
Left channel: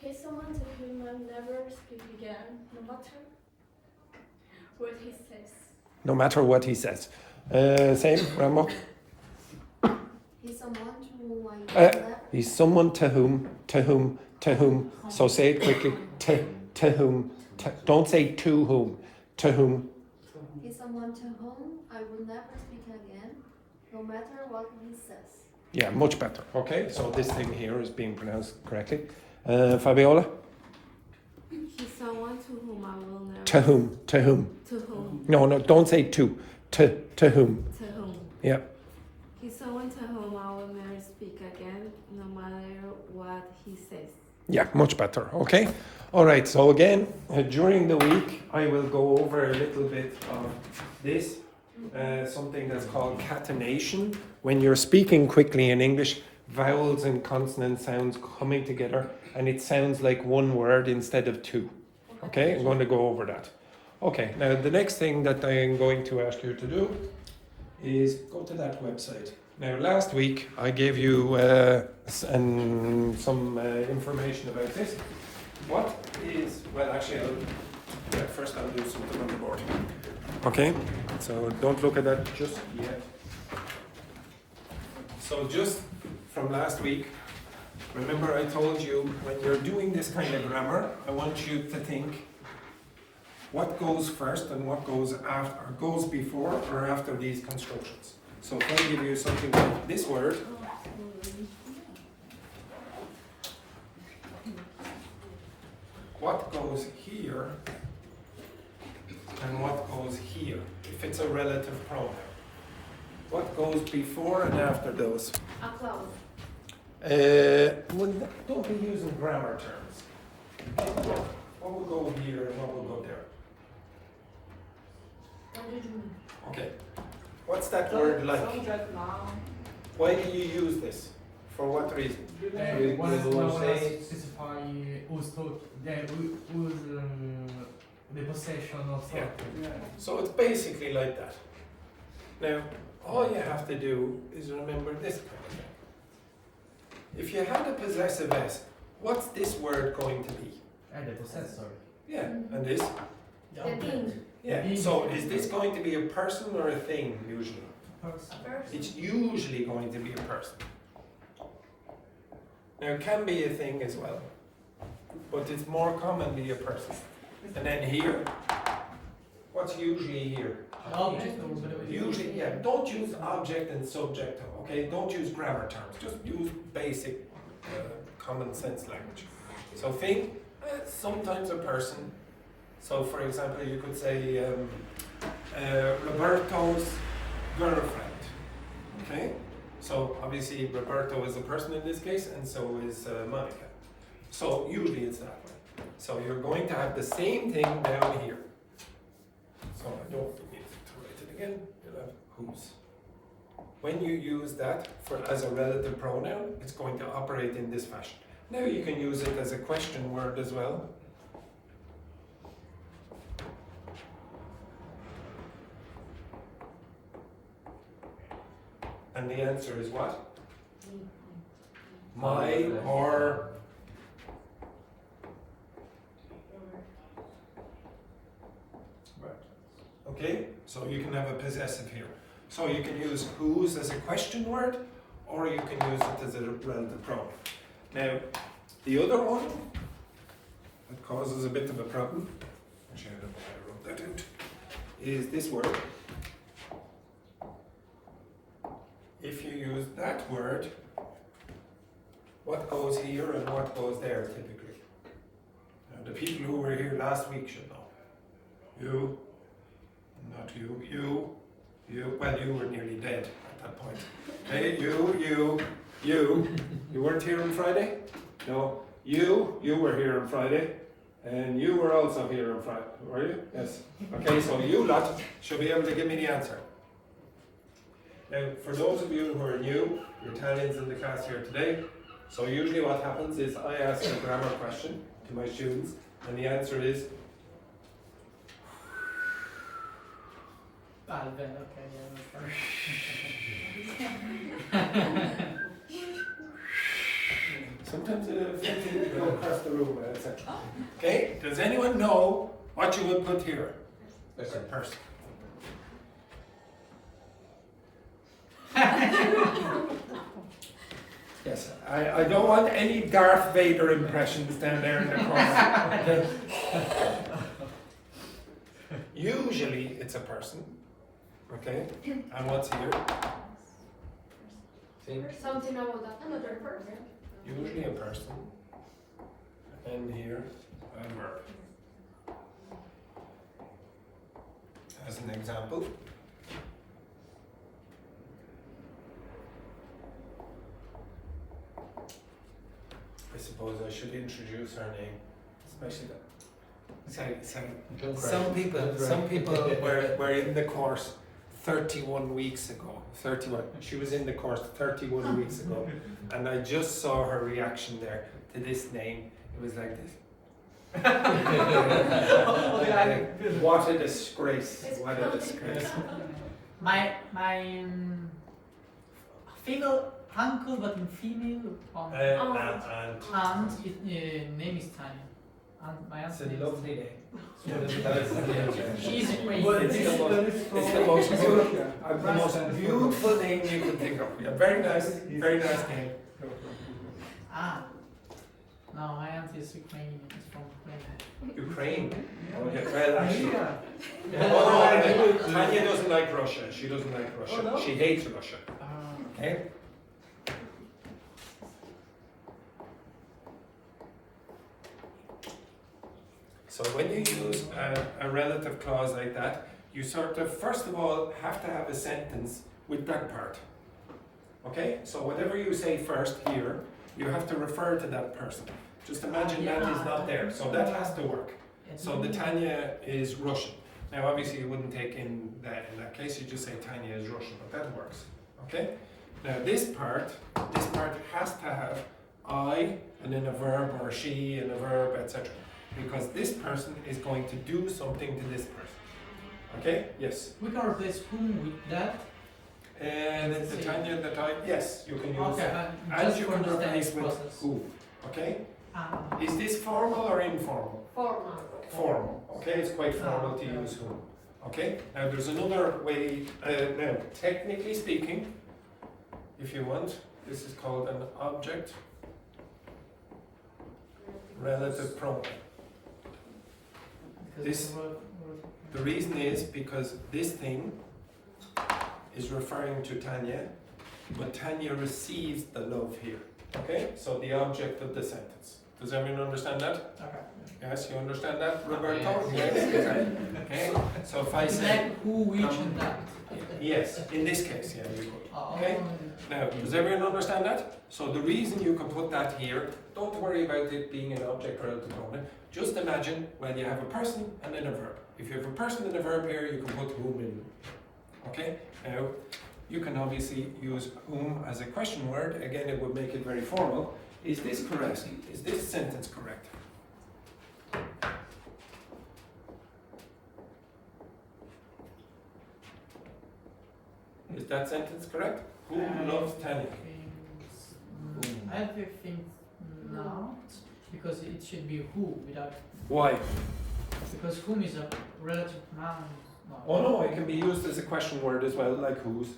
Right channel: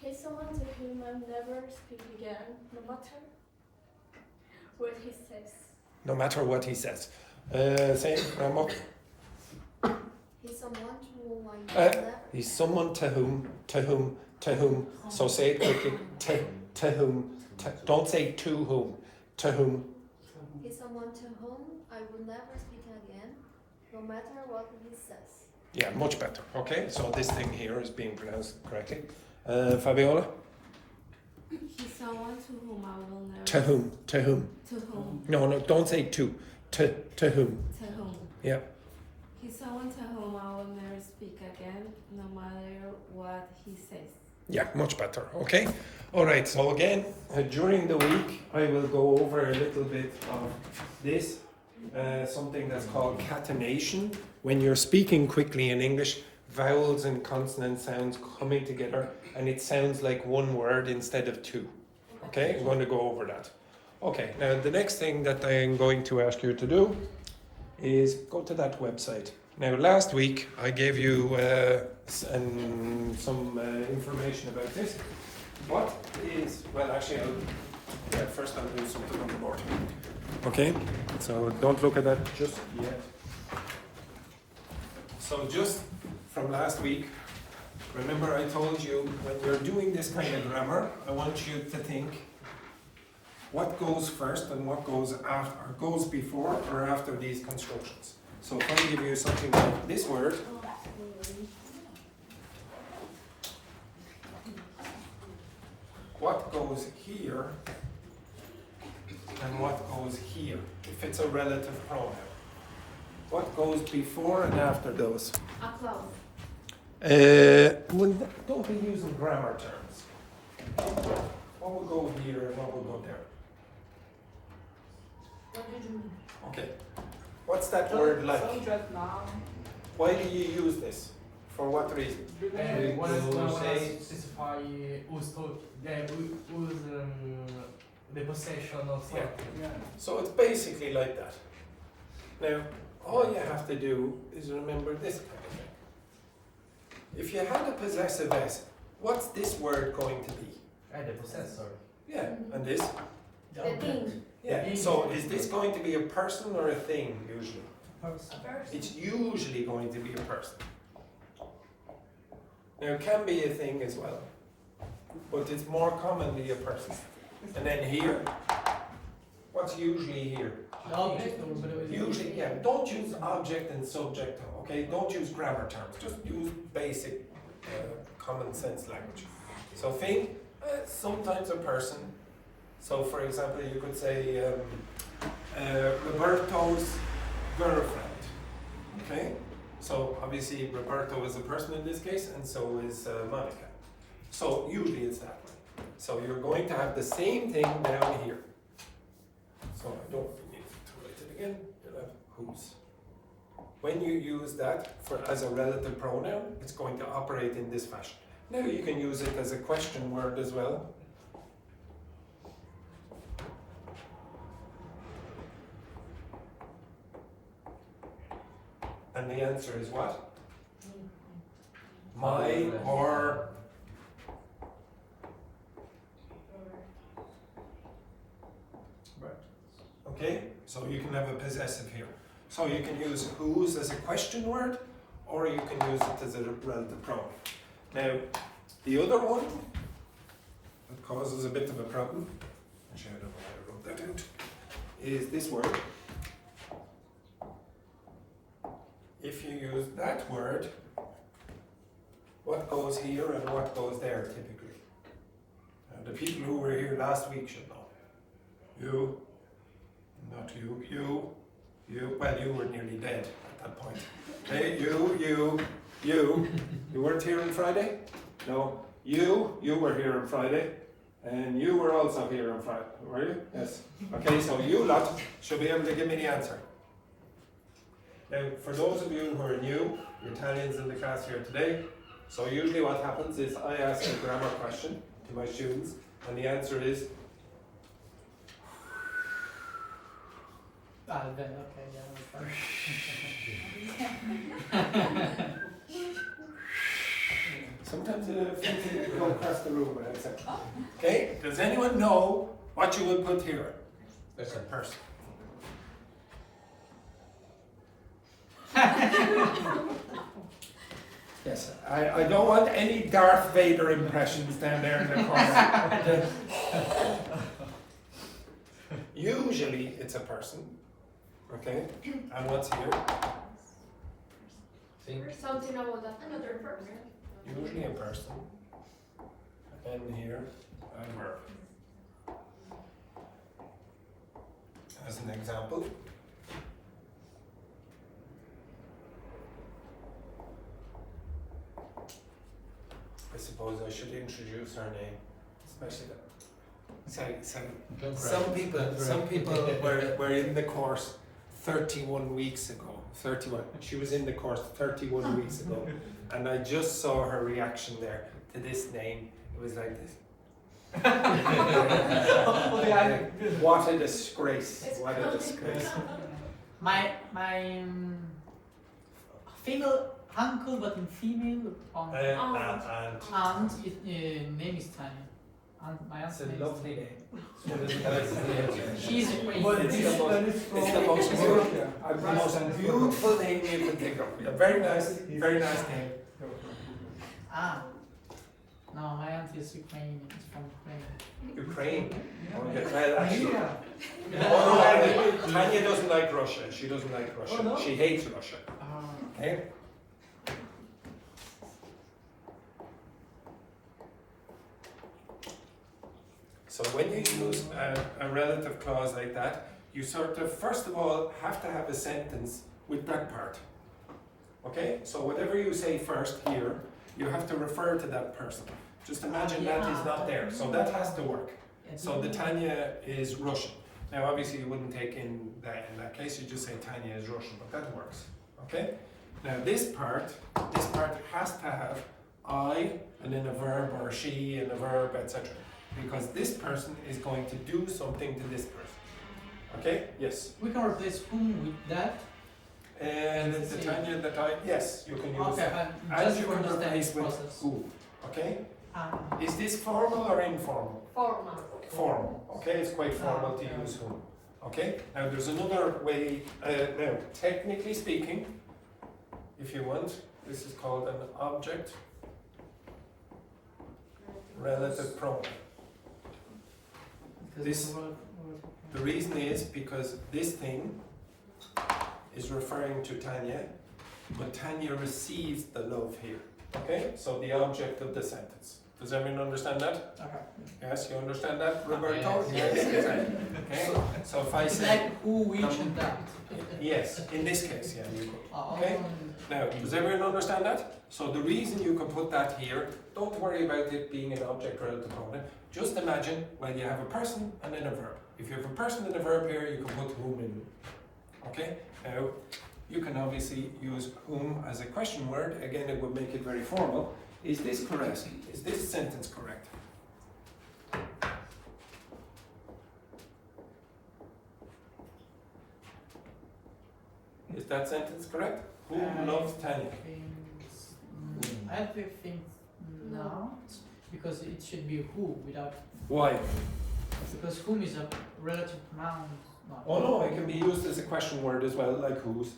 He's someone to whom I'll never speak again, no matter what he says. No matter what he says. Same, Ramo. He's someone to whom I never. He's someone to whom. So say it quickly. To whom. Don't say to whom. To whom. He's someone to whom I will never speak again, no matter what he says. Yeah, much better. Okay, so this thing here is being pronounced correctly. Fabiola? He's someone to whom I will never. To whom. To whom. No, don't say to. To whom. To whom. Yeah. He's someone to whom I will never speak again, no matter what he says. Yeah, much better. Okay. All right. So again, during the week, I will go over a little bit of this, something that's called catenation. When you're speaking quickly in English, vowels and consonant sounds coming together, and it sounds like one word instead of two. Okay. I'm going to go over that. Okay. Now the next thing that I am going to ask you to do is go to that website. Now, last week I gave you some information about this. What is, well, actually, first I'll do something on the board. Okay, so don't look at that just yet. So, just from last week, remember I told you when you're doing this kind of grammar, I want you to think what goes first and what goes after, or goes before or after these constructions. So if I give you something like this word, what goes here and what goes here, if it's a relative pronoun? What goes before and after those? Unplugged. Well, don't be using grammar terms. What would go here and what would go there? Okay. What's that word like? Why do you use this? For what reason? Specify the possession of something. Yeah. So it's basically like that. Now, all you have to do is remember this kind of thing. If you had a possessive S, what's this word going to be? The possessor. Yeah, and this? The thing. Yeah, so is this going to be a person or a thing usually? Person. It's usually going to be a person. Now it can be a thing as well, but it's more commonly a person. And then here, what's usually here? Object. Usually, yeah, don't use object and subject, okay? Don't use grammar terms, just use basic common sense language. So thing, sometimes a person. So for example, you could say Roberto's girlfriend, okay? So obviously Roberto is a person in this case, and so is Monica. So usually it's that way. So you're going to have the same thing down here. So I don't need to write it again. You'll have whose. When you use that as a relative pronoun, it's going to operate in this fashion. Now you can use it as a question word as well. And the answer is what? My or okay, so you can have a possessive here. So you can use whose as a question word, or you can use it as a relative pronoun. Now, the other one that causes a bit of a problem, actually I don't know how I wrote that out, is this word. If you use that word, what goes here and what goes there typically? The people who were here last week should know. You, not you, you, well you were nearly dead at that point. Okay, you weren't here on Friday? No, you were here on Friday, and you were also here on Friday, were you? Yes. Okay, so you lot should be able to give me the answer. Now, for those of you who are new, you're Italians in the class here today, so usually what happens is I ask a grammar question to my students, and the answer is Okay, yeah, sometimes it go across the room. Okay, does anyone know what you would put here? There's a person. Yes, I don't want any Darth Vader impressions down there in the corner. Usually it's a person, okay? And what's here? See? Something about that. Another person. Usually a person. And here, a verb. As an example. I suppose I should introduce her name, especially that. Some people were in the course 31 weeks ago. 31. She was in the course 31 weeks ago, and I just saw her reaction there to this name. It was like this. What a disgrace! What a disgrace! My female uncle, but in female aunt, name is Tanya. My aunt's It's a name lovely is name. She's a queen. It's the most beautiful name you could think of. Yeah, very nice name. Ah, no, my aunt is Ukrainian. It's from Ukraine. Ukraine. Okay, well actually. Oh no, Tanya doesn't like Russia. She doesn't like Russia. Oh, no? She hates Russia. Okay? So when you use a relative clause like that, you sort of, first of all, have to have a sentence with that part. Okay? So whatever you say first here, you have to refer to that person. Just imagine that is not there. So that has to work. So the Tanya is Russian. Now obviously you wouldn't take in that case, you just say Tanya is Russian, but that works. Okay? Now this part has to have I and then a verb, or she and a verb, etc. Because this person is going to do something to this person. Okay? Yes. We can replace whom with that. And it's the Tanya that yes, you can use Okay, that. just And you to can understand replace this with process. who. Okay? Ah. Is this formal or informal? Formal. Formal. Okay, it's quite formal to use whom. Okay? Now there's another way, now technically speaking, if you want, this is called an object relative pronoun. The reason is because this thing is referring to Tanya, but Tanya receives the love here. Okay? So the object of the sentence. Does everyone understand that? Okay. Yes, you understand that, Roberto? Yes. Okay? So if I It's say, like who, which, and that. yes, in this case, yeah, you could. Oh, Okay? Now, does everyone understand that? So the reason you can put that here, don't worry about it being an object relative pronoun. Just imagine when you have a person and then a verb. If you have a person and a verb here, you can put whom in. Okay? Now, you can obviously use whom as a question word. Again, it would make it very formal. Is this correct? Is this sentence correct? Is that sentence correct? Who loves Tanya? I think not, because it should be who without. Why? Because whom is a relative pronoun No. Oh no, it can be used as a question word as well, like whose.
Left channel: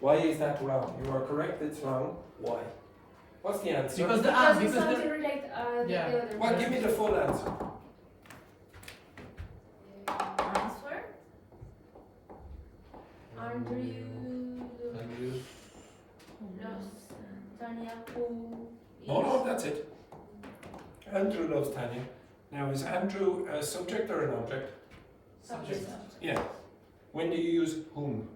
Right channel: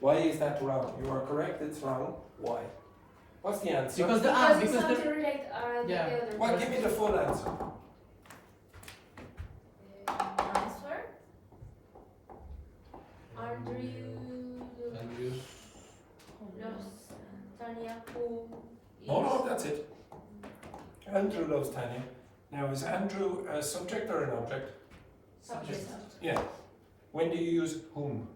Why is that wrong? You are correct, it's wrong. Why? What's the answer? Because the Because it's because not the related Yeah. the other. Well, give me the full answer. Answer? Andrew, Andrew. Tanya, who? Oh no, that's it. Andrew loves Tanya. Now, is Andrew a subject or an object? subject Yeah. When do you use whom?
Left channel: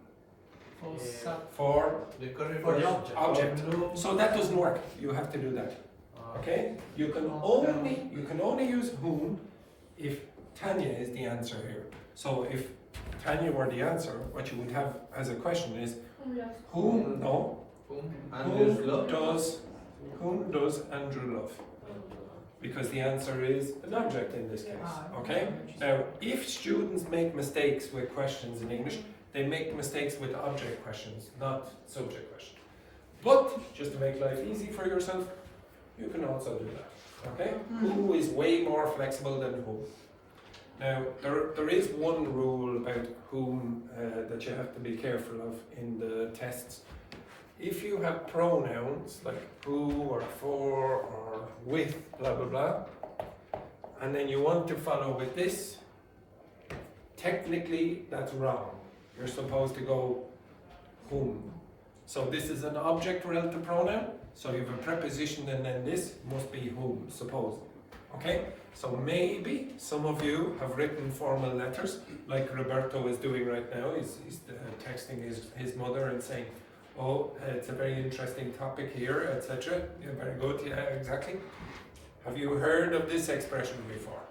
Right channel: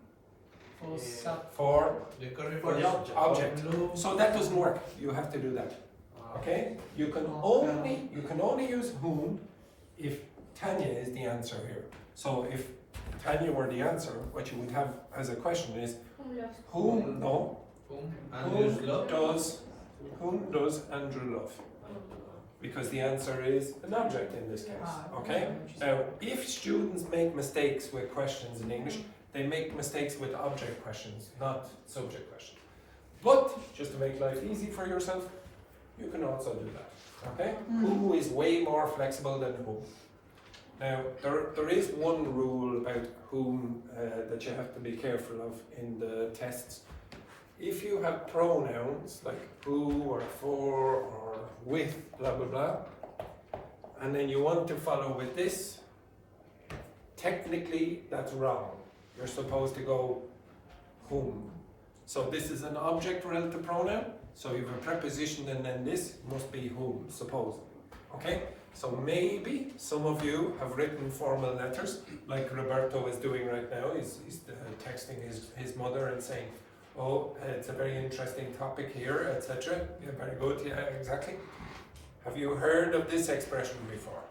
for sub For The correct For the object. object. So that doesn't work. You have to do that. Okay? You can only use whom if Tanya is the answer here. So if Tanya were the answer, what you would have as a question is whom does Andrew love? Because the answer is an object in this case. Okay? Now, if students make mistakes with questions in English, they make mistakes with object questions, not subject questions. But just to make life easy for yourself, you can also do that. Okay? Who is way more flexible than whom. Now, there is one rule about whom that you have to be careful of in the tests. If you have pronouns like who or for or with, blah blah blah, and then you want to follow with this, technically that's wrong. You're supposed to go whom. So this is an object relative pronoun, so you have a preposition and then this must be whom, supposedly. Okay? So maybe some of you have written formal letters, like Roberto is doing right now. He's texting his mother and saying, oh, it's a very interesting topic here, etc. Yeah, very good, yeah, exactly. Have you heard of this expression before?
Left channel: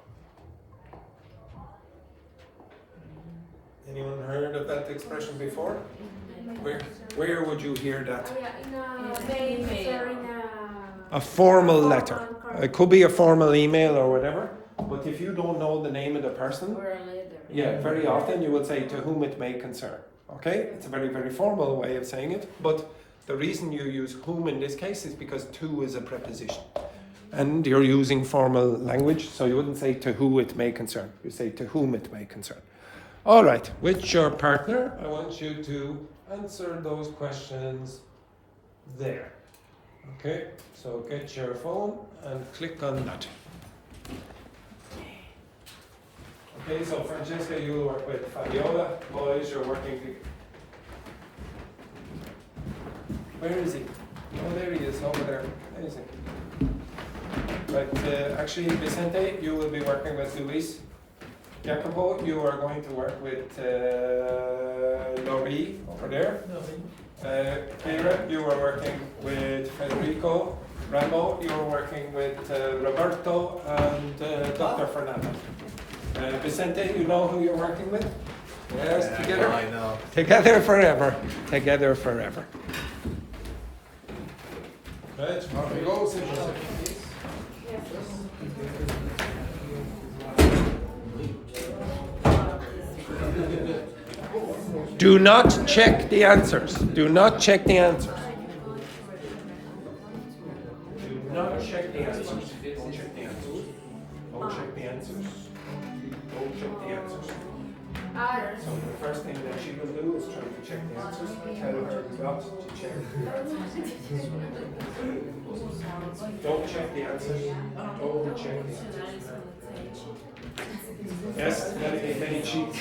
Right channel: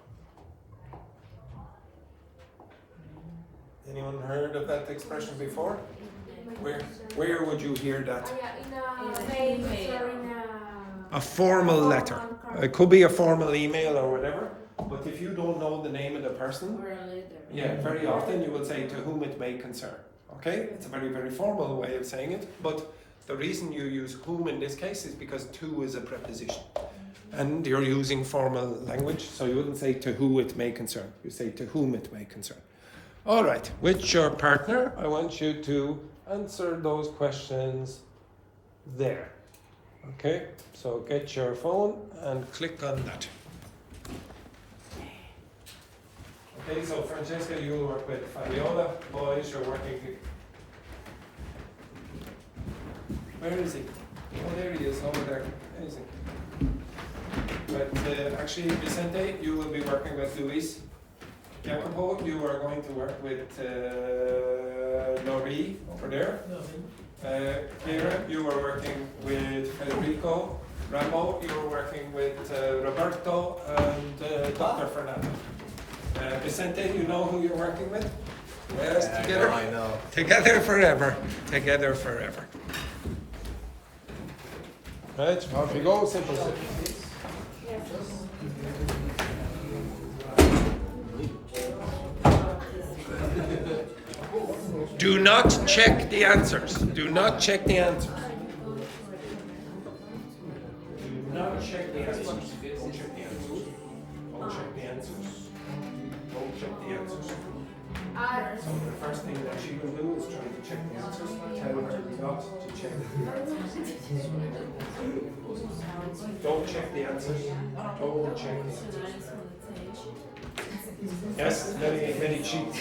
Anyone heard of that expression before? Where would you hear that? In A formal letter. It could be a formal email or whatever, but if you don't know the name of the person, Or a leader. yeah, very often you would say to whom it may concern. Okay? It's a very, very formal way of saying it, but the reason you use whom in this case is because to is a preposition. And you're using formal language, so you wouldn't say to who it may concern. You say to whom it may concern. All right, with your partner, I want you to answer those questions there. Okay, so get your phone and click on that. Okay, so Francesca, you will work with Fabiola. Boys, you're working with... Where is he? Oh, there he is, over there. Where is he? But actually, Vicente, you will be working with Luis. Jacopo, you are going to work with Nori over there. Kira, you are working with Federico. Rambo, you are working with Roberto and Dr. Fernando. Vicente, you know who you're working with? Yes, together. I know. Together forever. Together forever. Right, off we go. Simple, simple. Do not check the answers. Do not check the answers. Do not check the answers. Don't check the answers. Don't check the answers. Don't check the answers. So the first thing that she will do is try to check the answers. Tell her not to check the answers. Don't check the answers. Don't check the answers. Yes, then he cheats.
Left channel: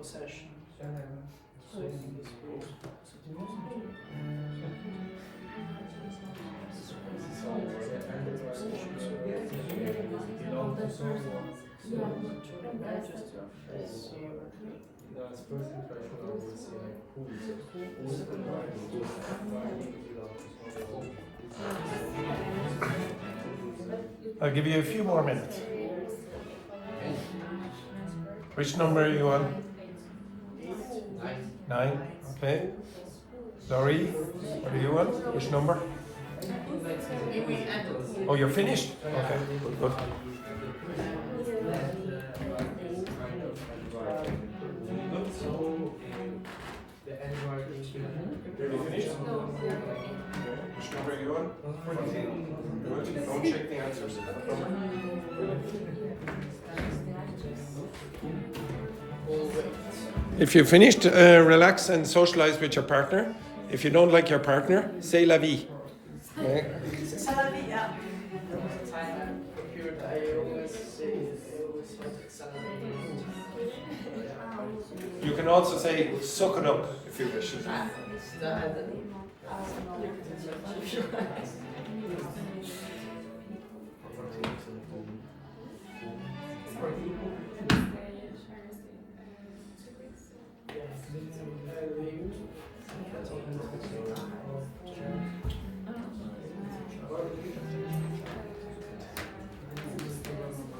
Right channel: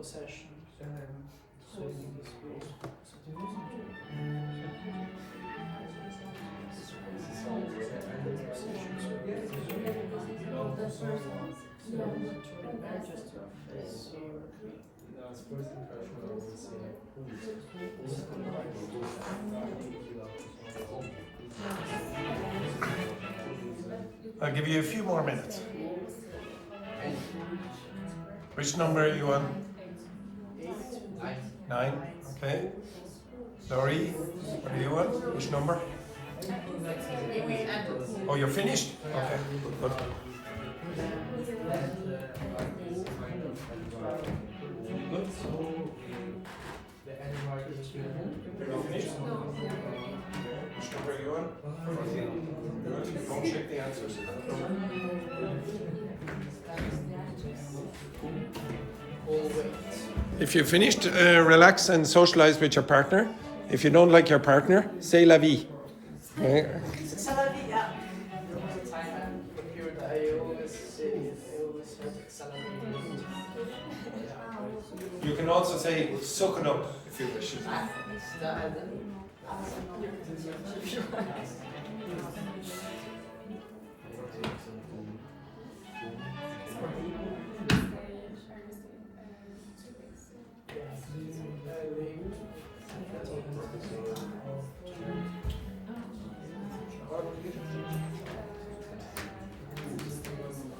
possession. I'll give you a few more minutes. Which number are you on? 9. Okay. Laurie, are you on? Which number? Oh, you're finished? Okay. Good. You finished? Which number are you on? 14. Good. Don't check the answers. If you finished, relax and socialize with your partner. If you don't like your partner, say la vie. Okay. You can also say suck it up if you wish.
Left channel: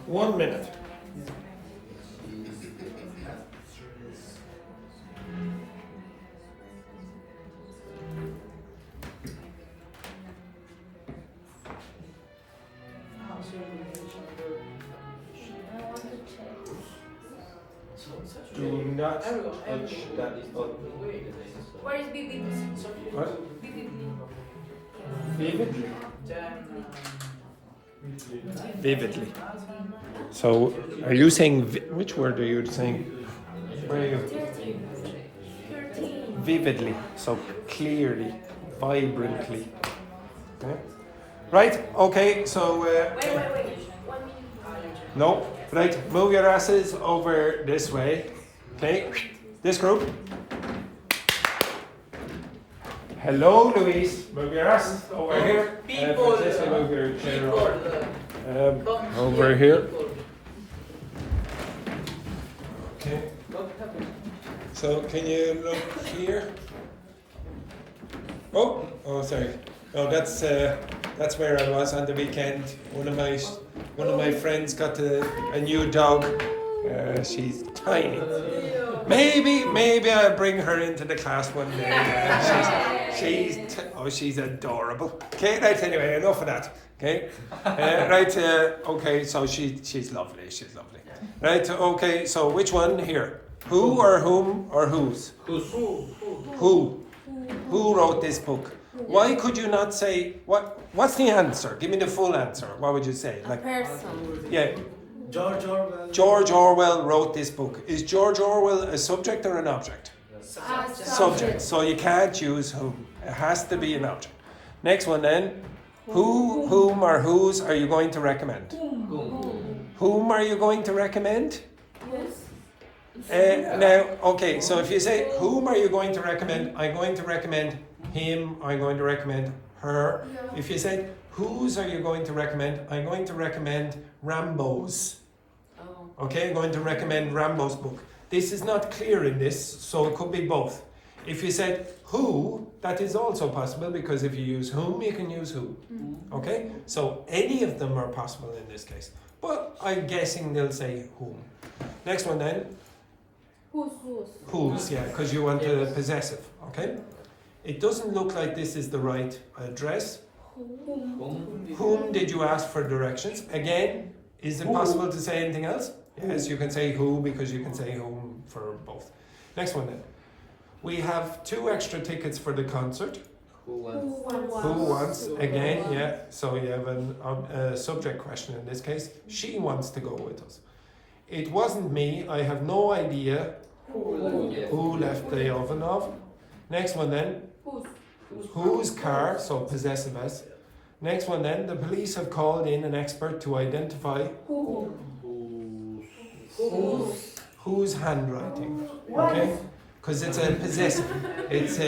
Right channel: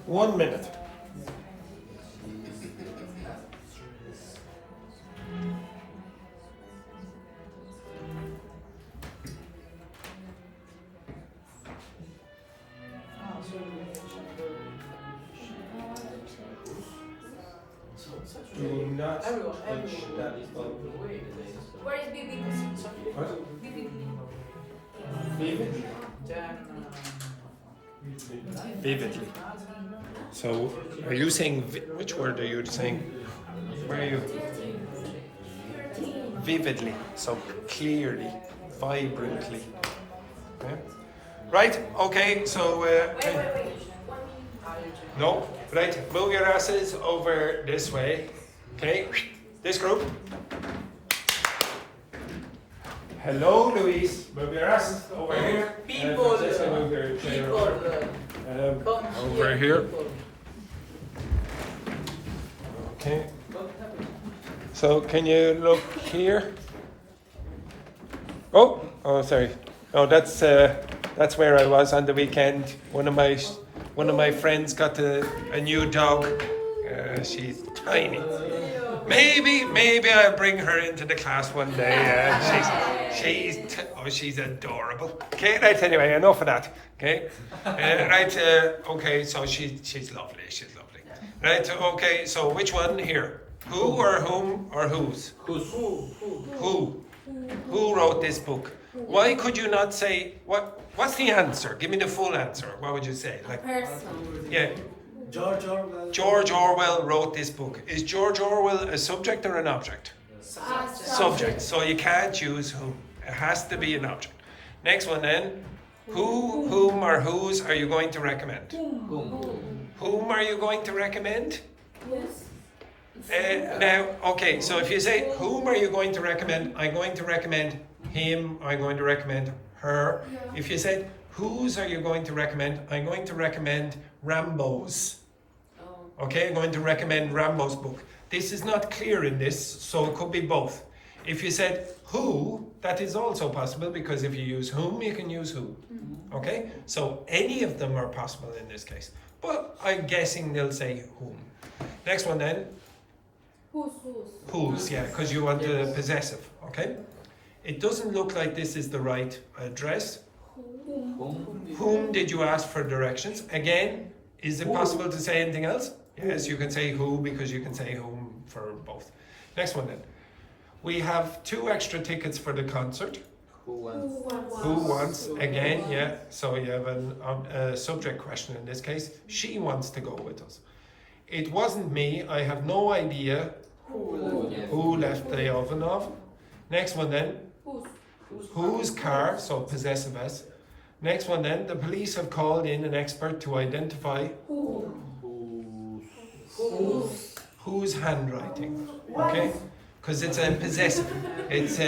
One minute. Do not touch that. Where is BB? What? BB. Vividly. So, are you saying, which word are you saying? Where are you? Vividly. So, clearly, vibrantly. Yeah. Right, okay, so, no, right, move your asses over this way. Okay, this group. Hello, Louise. Move your ass over here. People, Move your chair over. come Over here. people. Okay. So can you look here? Oh, sorry. Oh, that's where I was on the weekend. One of my friends got a new dog. She's tiny. Maybe I'll bring her into the class one day. She's adorable. Okay, right. Anyway, enough of that. Okay, right. Okay, so she's lovely. She's lovely. Right. Okay. So which one here? Who or whom or whose? Who? Who wrote this book? Why could you not say what? What's the answer? Give me the full answer. What would you say? Like Person. yeah. George Orwell. George Orwell wrote this book. Is George Orwell a subject or an object? Subject. So you can't use whom. It has to be an object. Next one then. Who, whom, or whose are you going to recommend? Whom are you going to recommend? Now, okay, so if you say, whom are you going to recommend? I'm going to recommend him. I'm going to recommend her. If you say, whose are you going to recommend? I'm going to recommend Rambo's. Okay, I'm going to recommend Rambo's book. This is not clear in this, so it could be both. If you said who, that is also possible because if you use whom, you can use who. Okay, so any of them are possible in this case. But I'm guessing they'll say whom. Next one then. Whose, yeah, because you want the possessive. Okay, it doesn't look like this is the right address. Whom did you ask for directions? Again, is it possible to say anything else? Yes, you can say who because you can say whom for both. Next one then. We have 2 extra tickets for the concert. Who wants? Who wants? Again, yeah. So you have a subject question in this case. She wants to go with us. It wasn't me. I have no idea who left the oven off. Next one then. Whose car? So possessive S. Next one then. The police have called in an expert to identify Whose handwriting? Okay? Because it's a possessive. It's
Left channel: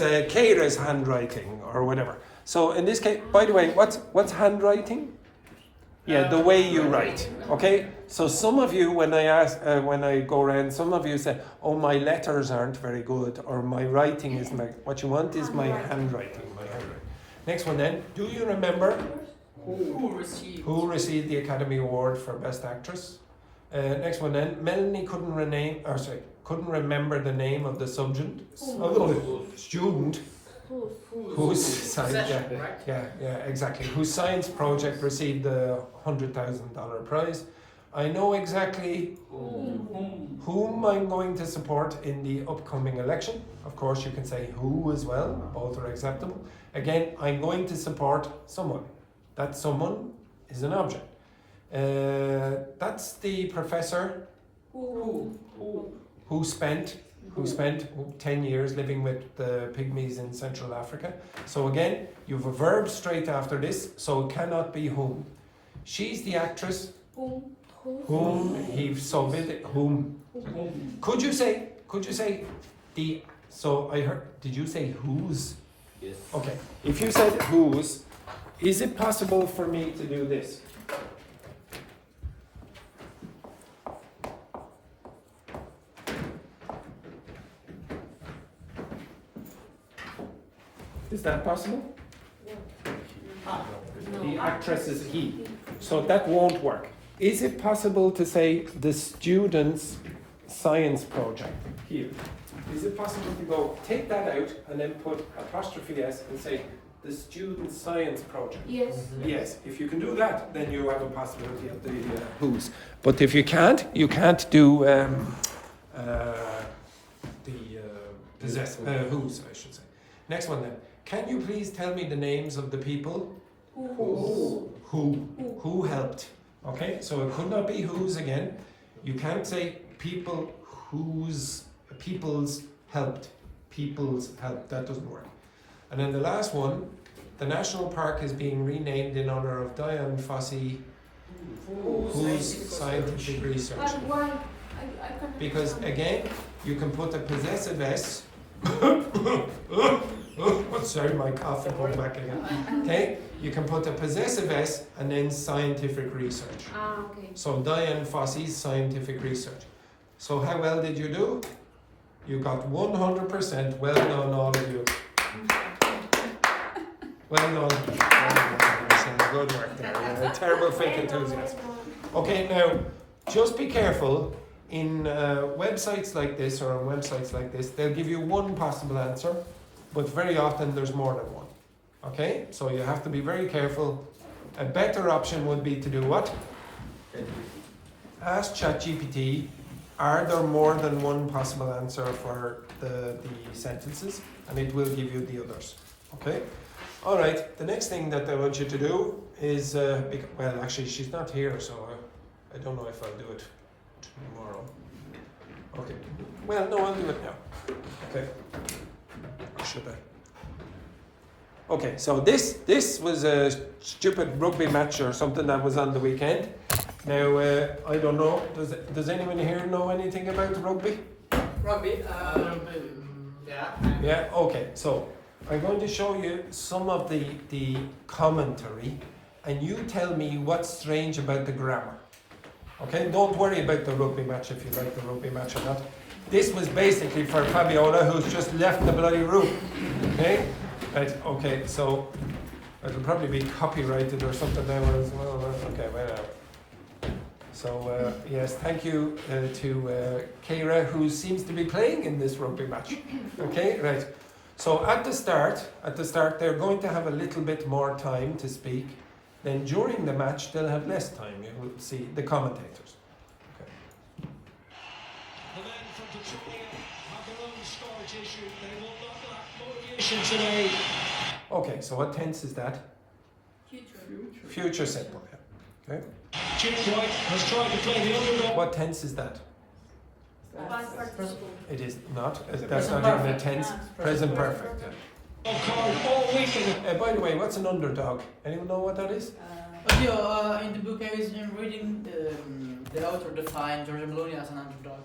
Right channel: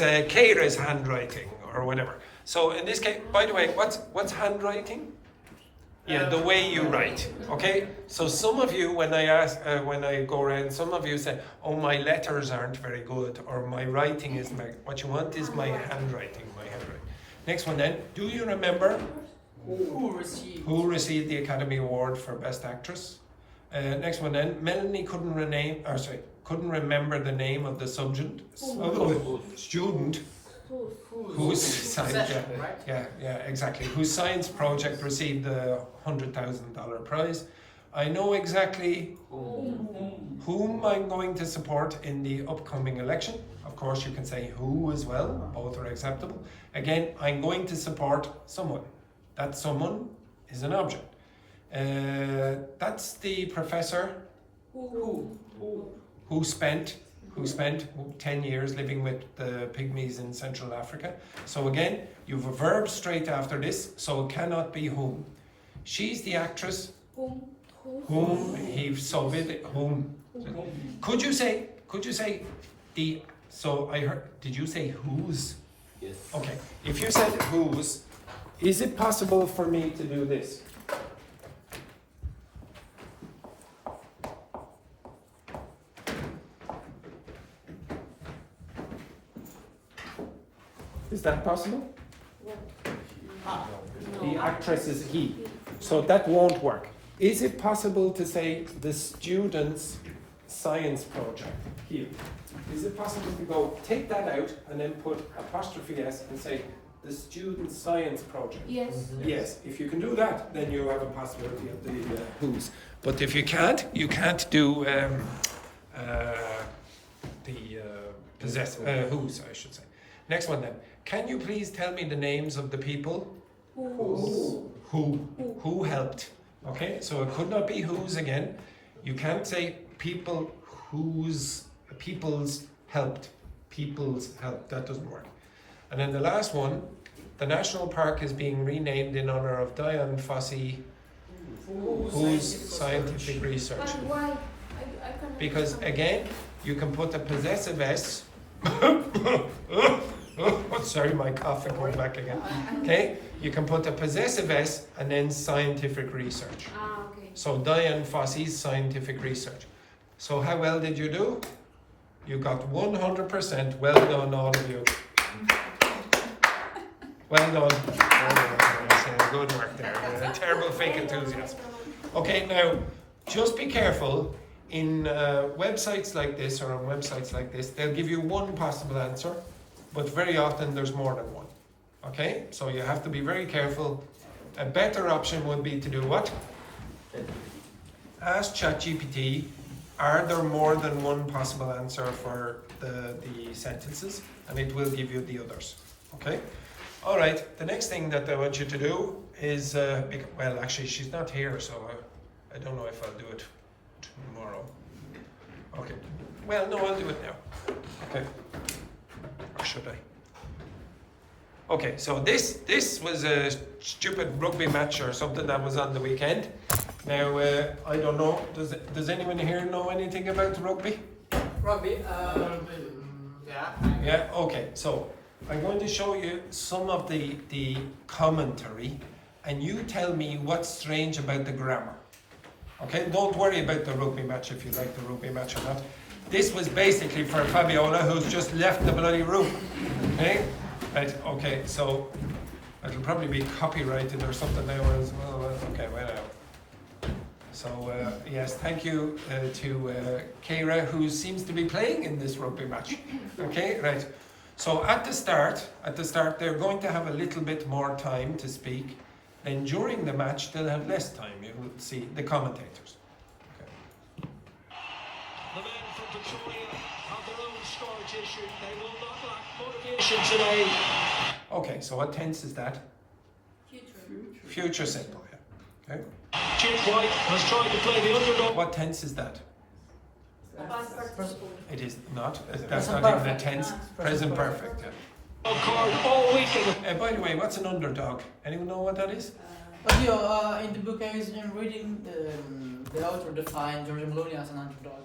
a Keira's handwriting or whatever. So in this case, by the way, what's handwriting? Yeah, the way you write. Okay. So some of you, when I go around, some of you say, "Oh, my letters aren't very good," or "My writing isn't very." What you want is my handwriting. Next one then. Do you remember who received the Academy Award for Best Actress? Next one then. Melanie couldn't remember the name of the student. Whose science, exactly. Whose science project received the $100,000 prize? I know exactly whom I'm going to support in the upcoming election. Of course, you can say who as well. Both are acceptable. Again, I'm going to support someone. That someone is an object. That's the professor who spent 10 years living with the pygmies in Central Africa. So again, you have a verb straight after this, so it cannot be whom. She's the actress whom he saw with whom. Could you say the, so I heard, did you say whose? Yes. Okay, if you said whose, is it possible for me to do this? Is that possible? The actress is he. So that won't work. Is it possible to say the student's science project here? Is it possible to go take that out and then put apostrophe S and say the student's science project? Yes. Yes. If you can do that, then you have a possibility of the whose. But if you can't do whose, I should say. Next one then. Can you please tell me the names of the people who helped? Okay, so it could not be whose again. You can't say people's helped. People's helped. That doesn't work. And then the last one, the national park is being renamed in honor of Dian Fossey, whose scientific research. But why? I can't Because understand. again, you can put a possessive S. Sorry, my cough is going back again. Okay, you can put a possessive S and then scientific research. Okay. So Dian Fossey's scientific research. So how well did you do? You got 100%. Well done, all of you. Well done. Good work there. Terrible fake enthusiasm. Okay, now just be careful. In websites like this or on websites like this, they'll give you one possible answer, but very often there's more than one. Okay, so you have to be very careful. A better option would be to do what? Ask ChatGPT, are there more than one possible answer for the sentences? And it will give you the others. Okay? All right, the next thing that I want you to do is, well, actually, she's not here, so I don't know if I'll do it tomorrow. Okay. Well, no, I'll do it now. Okay. Or should I? Okay, so this was a stupid rugby match or something that was on the weekend. Now, I don't know, does anyone here know anything about rugby? Rugby, Yeah, okay, so I'm going to show you some of the commentary and you tell me what's strange about the grammar. Okay, don't worry about the rugby match if you like the rugby match or not. This was basically for Fabiola, who's just left the bloody room. Okay? Right, okay, so it'll probably be copyrighted or something now as well. Okay, whatever. So, yes, thank you to Keira, who seems to be playing in this rugby match. Okay, right. So at the start, they're going to have a little bit more time to speak. Then during the match, they'll have less time. You will see the commentators. Okay. The men from Pretoria have their own storage issue. They will not lack motivation today. Okay, so what tense is that? Future simple. Yeah. Okay. Jim White has tried to play the underdog. What tense is that? Past participle. It is not. That's not even a tense. Present perfect. Yeah. Card all weekend. By the way, what's an underdog? Anyone know what that is? In the book I'm reading, the author defined Georgia Maloney as an underdog.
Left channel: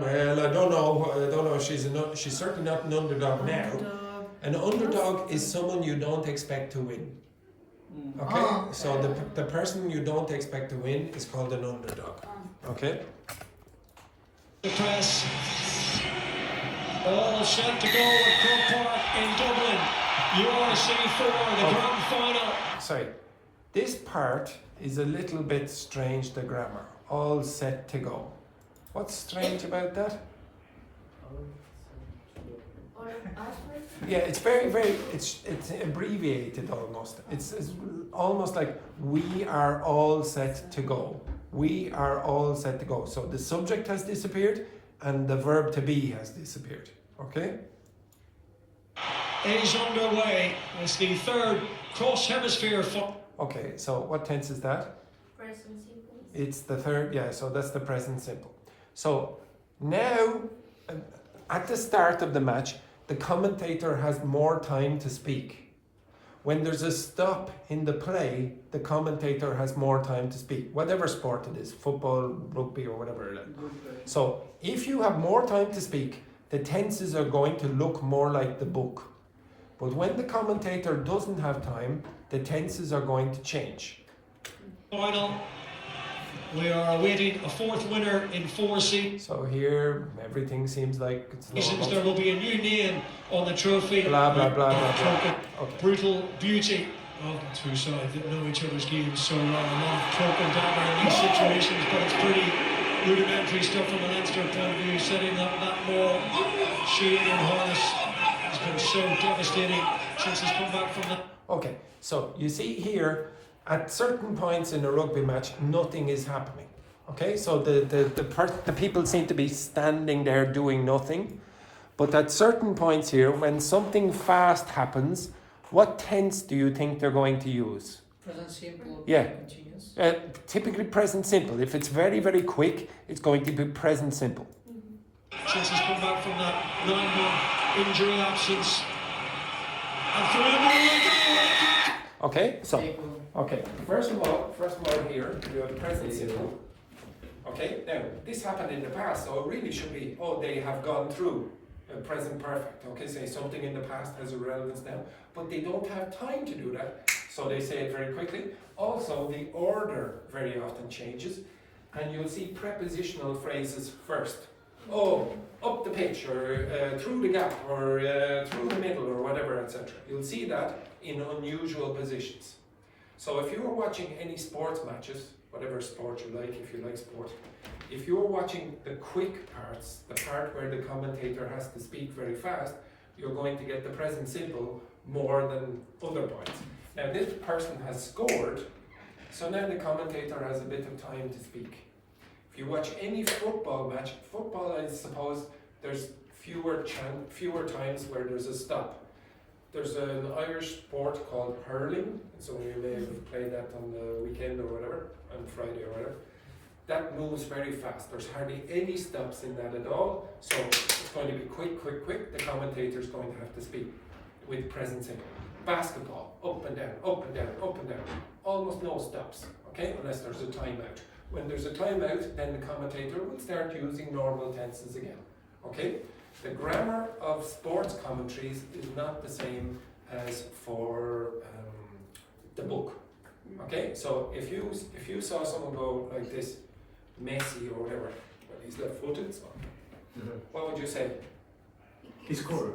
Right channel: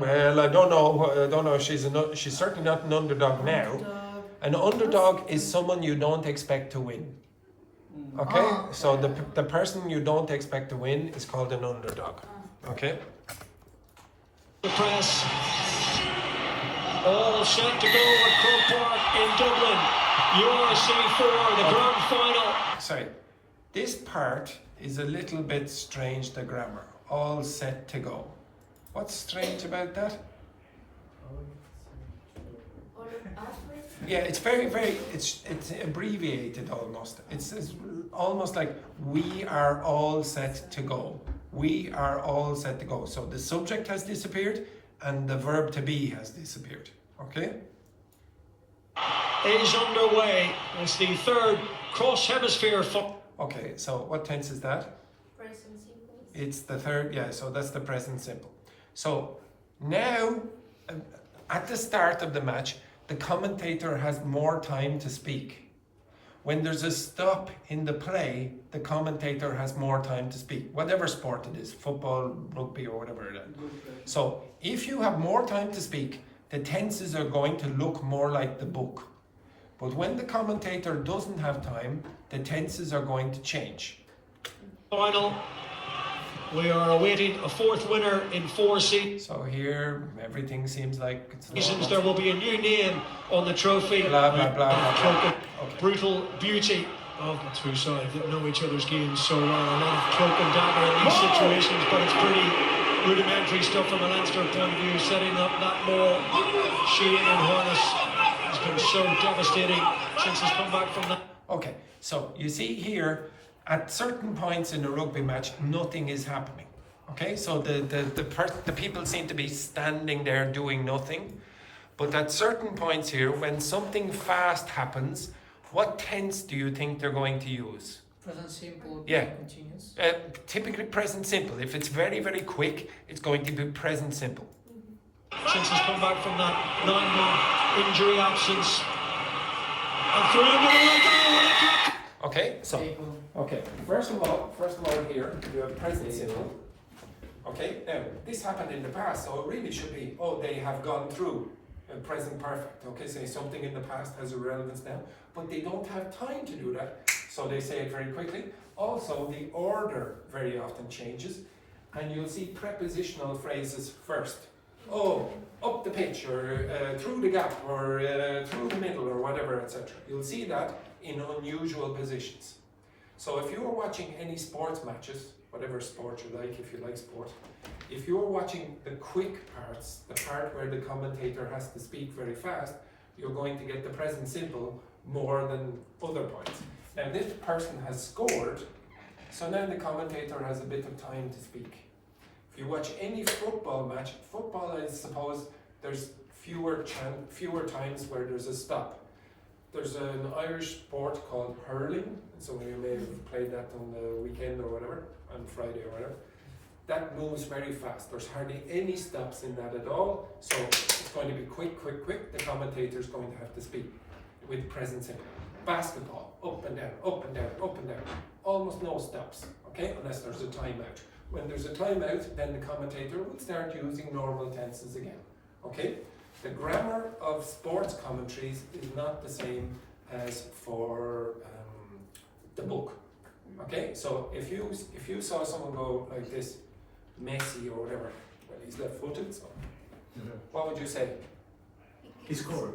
Well, I don't know. I don't know. She's certainly not an underdog now. An underdog is someone you don't expect to win. Okay, Oh, okay. so the person you don't expect to win is called an underdog. Okay. The press. All set to go at Croke Park in Dublin. URC4, the grand final. Sorry, this part is a little bit strange. The grammar. All set to go. What's strange about that? Yeah, it's very, it's abbreviated almost. It's almost like we are all set to go. We are all set to go. So the subject has disappeared and the verb to be has disappeared. Okay? Is underway. It's the third cross hemisphere. Okay, so what tense is that? Present simple. It's the third, yeah, so that's the present simple. So now, at the start of the match, the commentator has more time to speak. When there's a stop in the play, the commentator has more time to speak. Whatever sport it is, football, rugby, or whatever it is. So if you have more time to speak, the tenses are going to look more like the book. But when the commentator doesn't have time, the tenses are going to change. Final. We are awaiting a fourth winner in 4 seasons. So here, everything seems like it's There will be a new name on the trophy. Blah, blah, blah, blah, blah. Okay. Brutal beauty of the two sides that know each other's games so well. A lot of cloak and dagger in these situations, but it's pretty rudimentary stuff from a Leinster point of view. Setting up that more Sheehan and Harness has been so devastating since he's come back from that. Okay, so you see here, at certain points in a rugby match, nothing is happening. Okay, so the people seem to be standing there doing nothing. But at certain points here, when something fast happens, what tense do you think they're going to use? Present simple. Yeah. Continuous. Typically present simple. If it's very, very quick, it's going to be present simple. Since he's come back from that 9-month injury absence. And through the middle. Okay, so okay. First of all here you have present simple. Okay, now this happened in the past, so it really should be, oh, they have gone through present perfect. Okay, say something in the past has a relevance now, but they don't have time to do that, so they say it very quickly. Also, the order very often changes, and you'll see prepositional phrases first. Oh, up the pitch, or through the gap, or through the middle, or whatever, etc. You'll see that in unusual positions. So if you're watching any sports matches, whatever sport you like, if you like sport, if you're watching the quick parts, the part where the commentator has to speak very fast, you're going to get the present simple more than other points. Now this person has scored, so now the commentator has a bit of time to speak. If you watch any football match, football, I suppose there's fewer times where there's a stop. There's an Irish sport called hurling, so you may have played that on the weekend or whatever, on Friday or whatever. That moves very fast. There's hardly any stops in that at all, so it's going to be quick, quick, quick. The commentator's going to have to speak with present simple. Basketball, up and down, up and down, up and down. Almost no stops, okay, unless there's a timeout. When there's a timeout, then the commentator will start using normal tenses again, okay? The grammar of sports commentaries is not the same as for the book. Okay, so if you saw someone go like this, Messi or whatever, well, he's left-footed, so what would you say? He scored.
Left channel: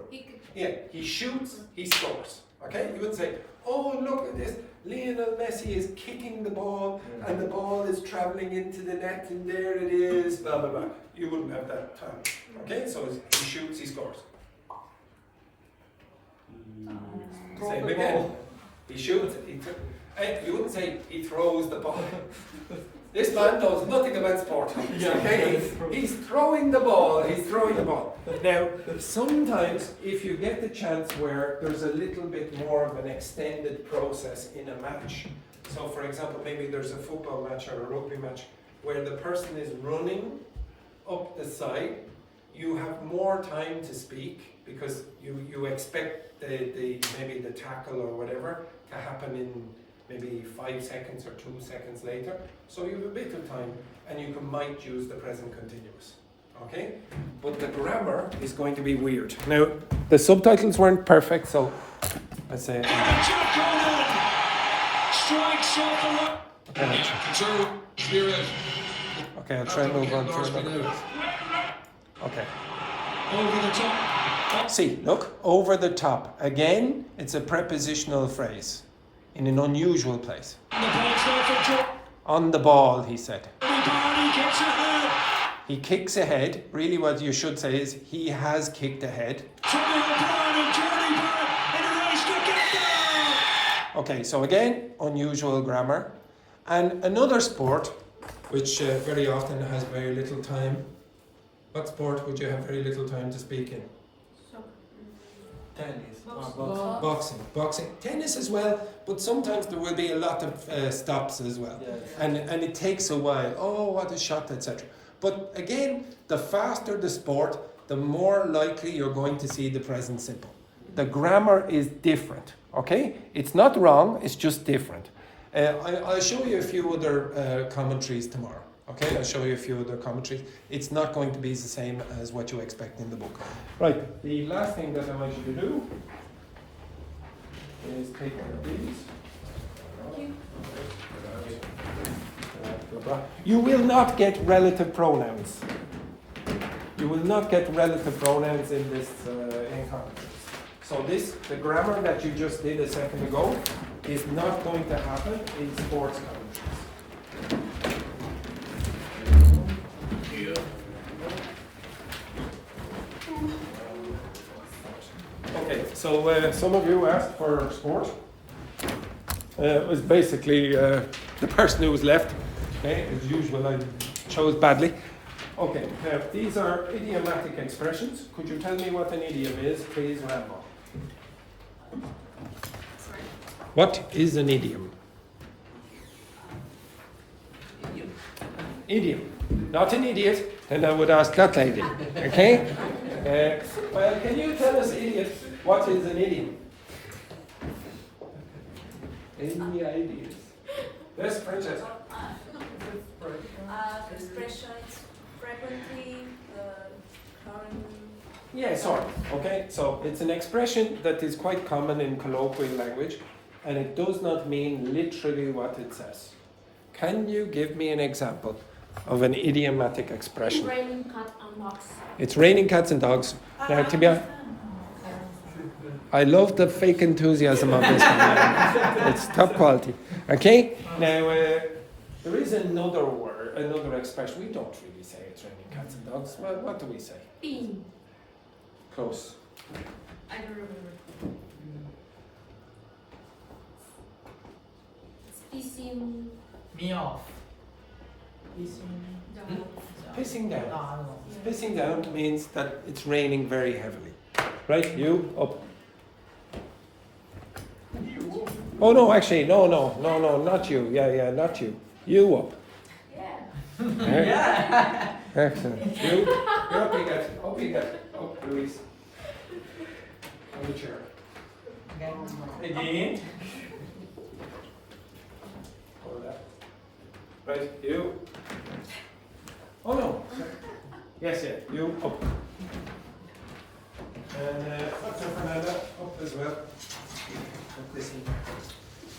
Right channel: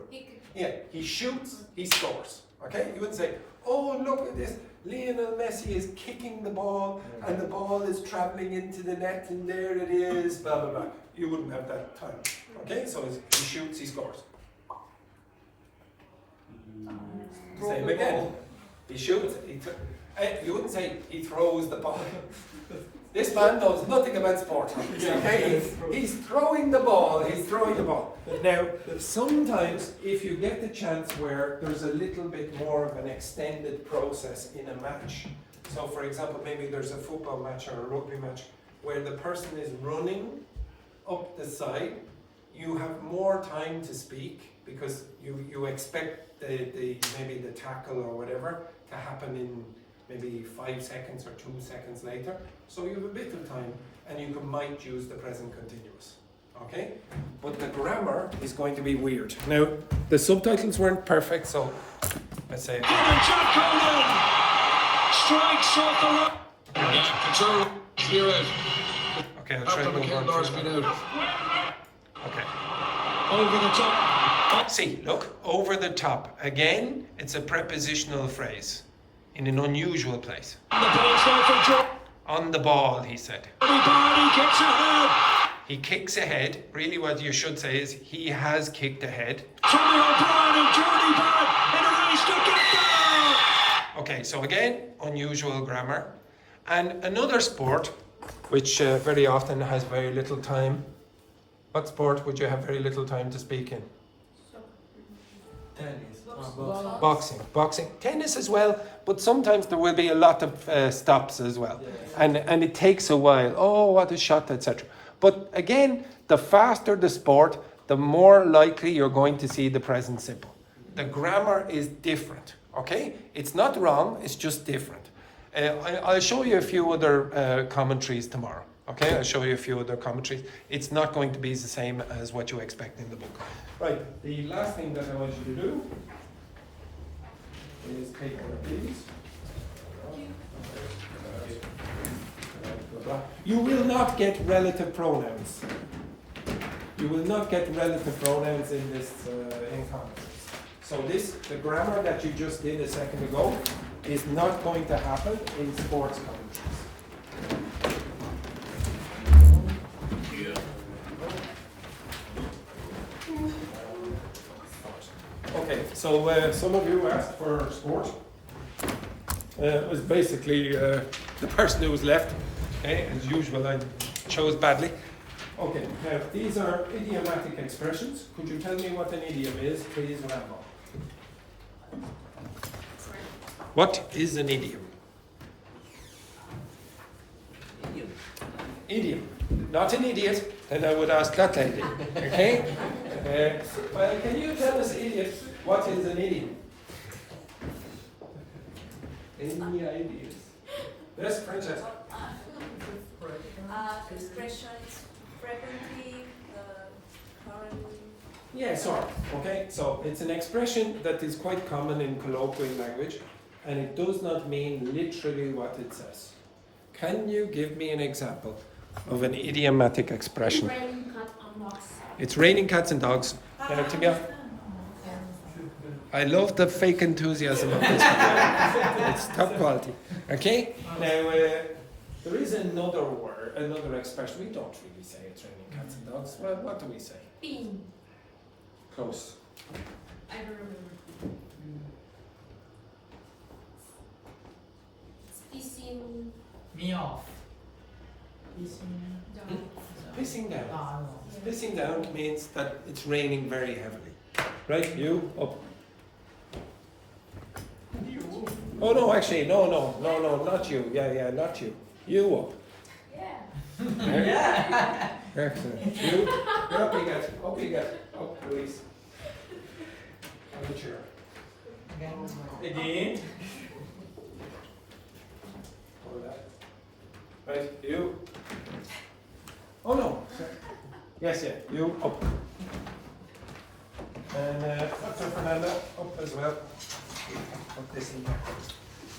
Yeah, he shoots, he scores. Okay, you would say, oh, look at this, Lionel Messi is kicking the ball and the ball is traveling into the net and there it is, blah, blah, blah. You wouldn't have that time. Okay, so he shoots, he scores. Same again. He shoots, you wouldn't say he throws the ball. This man knows nothing about sport. Okay, he's throwing the ball. He's throwing the ball. Now, sometimes if you get the chance where there's a little bit more of an extended process in a match. So, for example, maybe there's a football match or a rugby match where the person is running up the side. You have more time to speak because you expect maybe the tackle or whatever to happen in maybe 5 seconds or 2 seconds later. So you have a bit of time, and you might use the present continuous. Okay? But the grammar is going to be weird. Now, the subtitles weren't perfect, so let's say. Strikes off the right. Control. Clear out. Okay, I'll try and move on. Okay. Over the top. See, look, over the top. Again, it's a prepositional phrase in an unusual place. On the ball, he said. He kicks ahead. Really, what you should say is he has kicked ahead. Okay, so again, unusual grammar. And another sport, which very often has very little time. What sport would you have very little time to speak in? Tennis. Boxing. Tennis as well, but sometimes there will be a lot of stops as well. And it takes a while. Oh, what a shot, etc. But again, the faster the sport, the more likely you're going to see the present simple. The grammar is different, okay? It's not wrong, it's just different. I'll show you a few other commentaries tomorrow, okay? I'll show you a few other commentaries. It's not going to be the same as what you expect in the book. Right, the last thing that I want you to do is take one of these. You will not get relative pronouns. You will not get relative pronouns in this encounter. So the grammar that you just did a second ago is not going to happen in sports commentaries. Okay, so some of you asked for sport. It was basically the person who was left. Okay, as usual, I chose badly. Okay, now these are idiomatic expressions. Could you tell me what an idiom is, please, Rambo? What is an idiom? Idiom. Not an idiot, then I would ask that lady. Okay? Well, can you tell us, idiot, what is an idiom? Any ideas? Yes, Francesca. Expressions frequently the current. Yeah, sort of. Okay, so it's an expression that is quite common in colloquial language, and it does not mean literally what it says. Can you give me an example of an idiomatic expression? It's raining cats and dogs. It's raining cats and dogs. Now, to be honest, I love the fake enthusiasm of this. It's top quality. Okay? Now, there is another word, another expression. We don't really say it's raining cats and dogs. Well, what do we say? Bean. Close. I don't remember. Pissing Me off. down. Pissing down. Ah, no. Pissing down means that it's raining very heavily. Right? You up. Oh no, actually, no, not you. Yeah, not you. You up. Yeah. Excellent. You're up you get. Up, Louise. On the chair. Again. Hold that. Right, you. Oh no. Yes, you up. And that's your Fernando. Up as well. Put this in.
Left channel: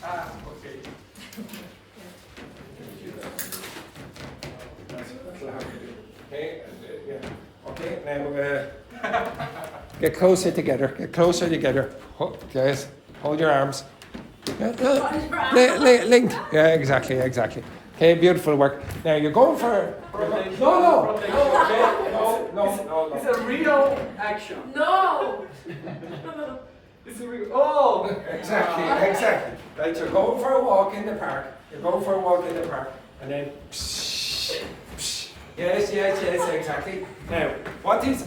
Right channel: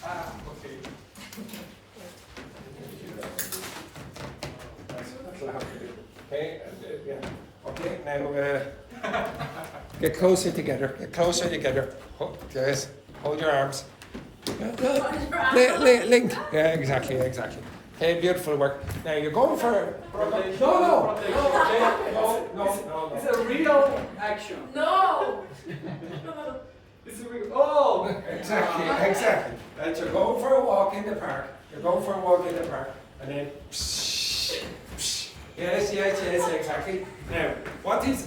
Okay. That's what I have to do. Okay, and yeah. Okay, now get closer together. Yes, hold your arms. Linked. Yeah, exactly. Okay, beautiful work. Now you're going for no. It's a real action. No. It's a real. Oh! Exactly. Right, you're going for a walk in the park. And then. Yes, exactly. Now, what is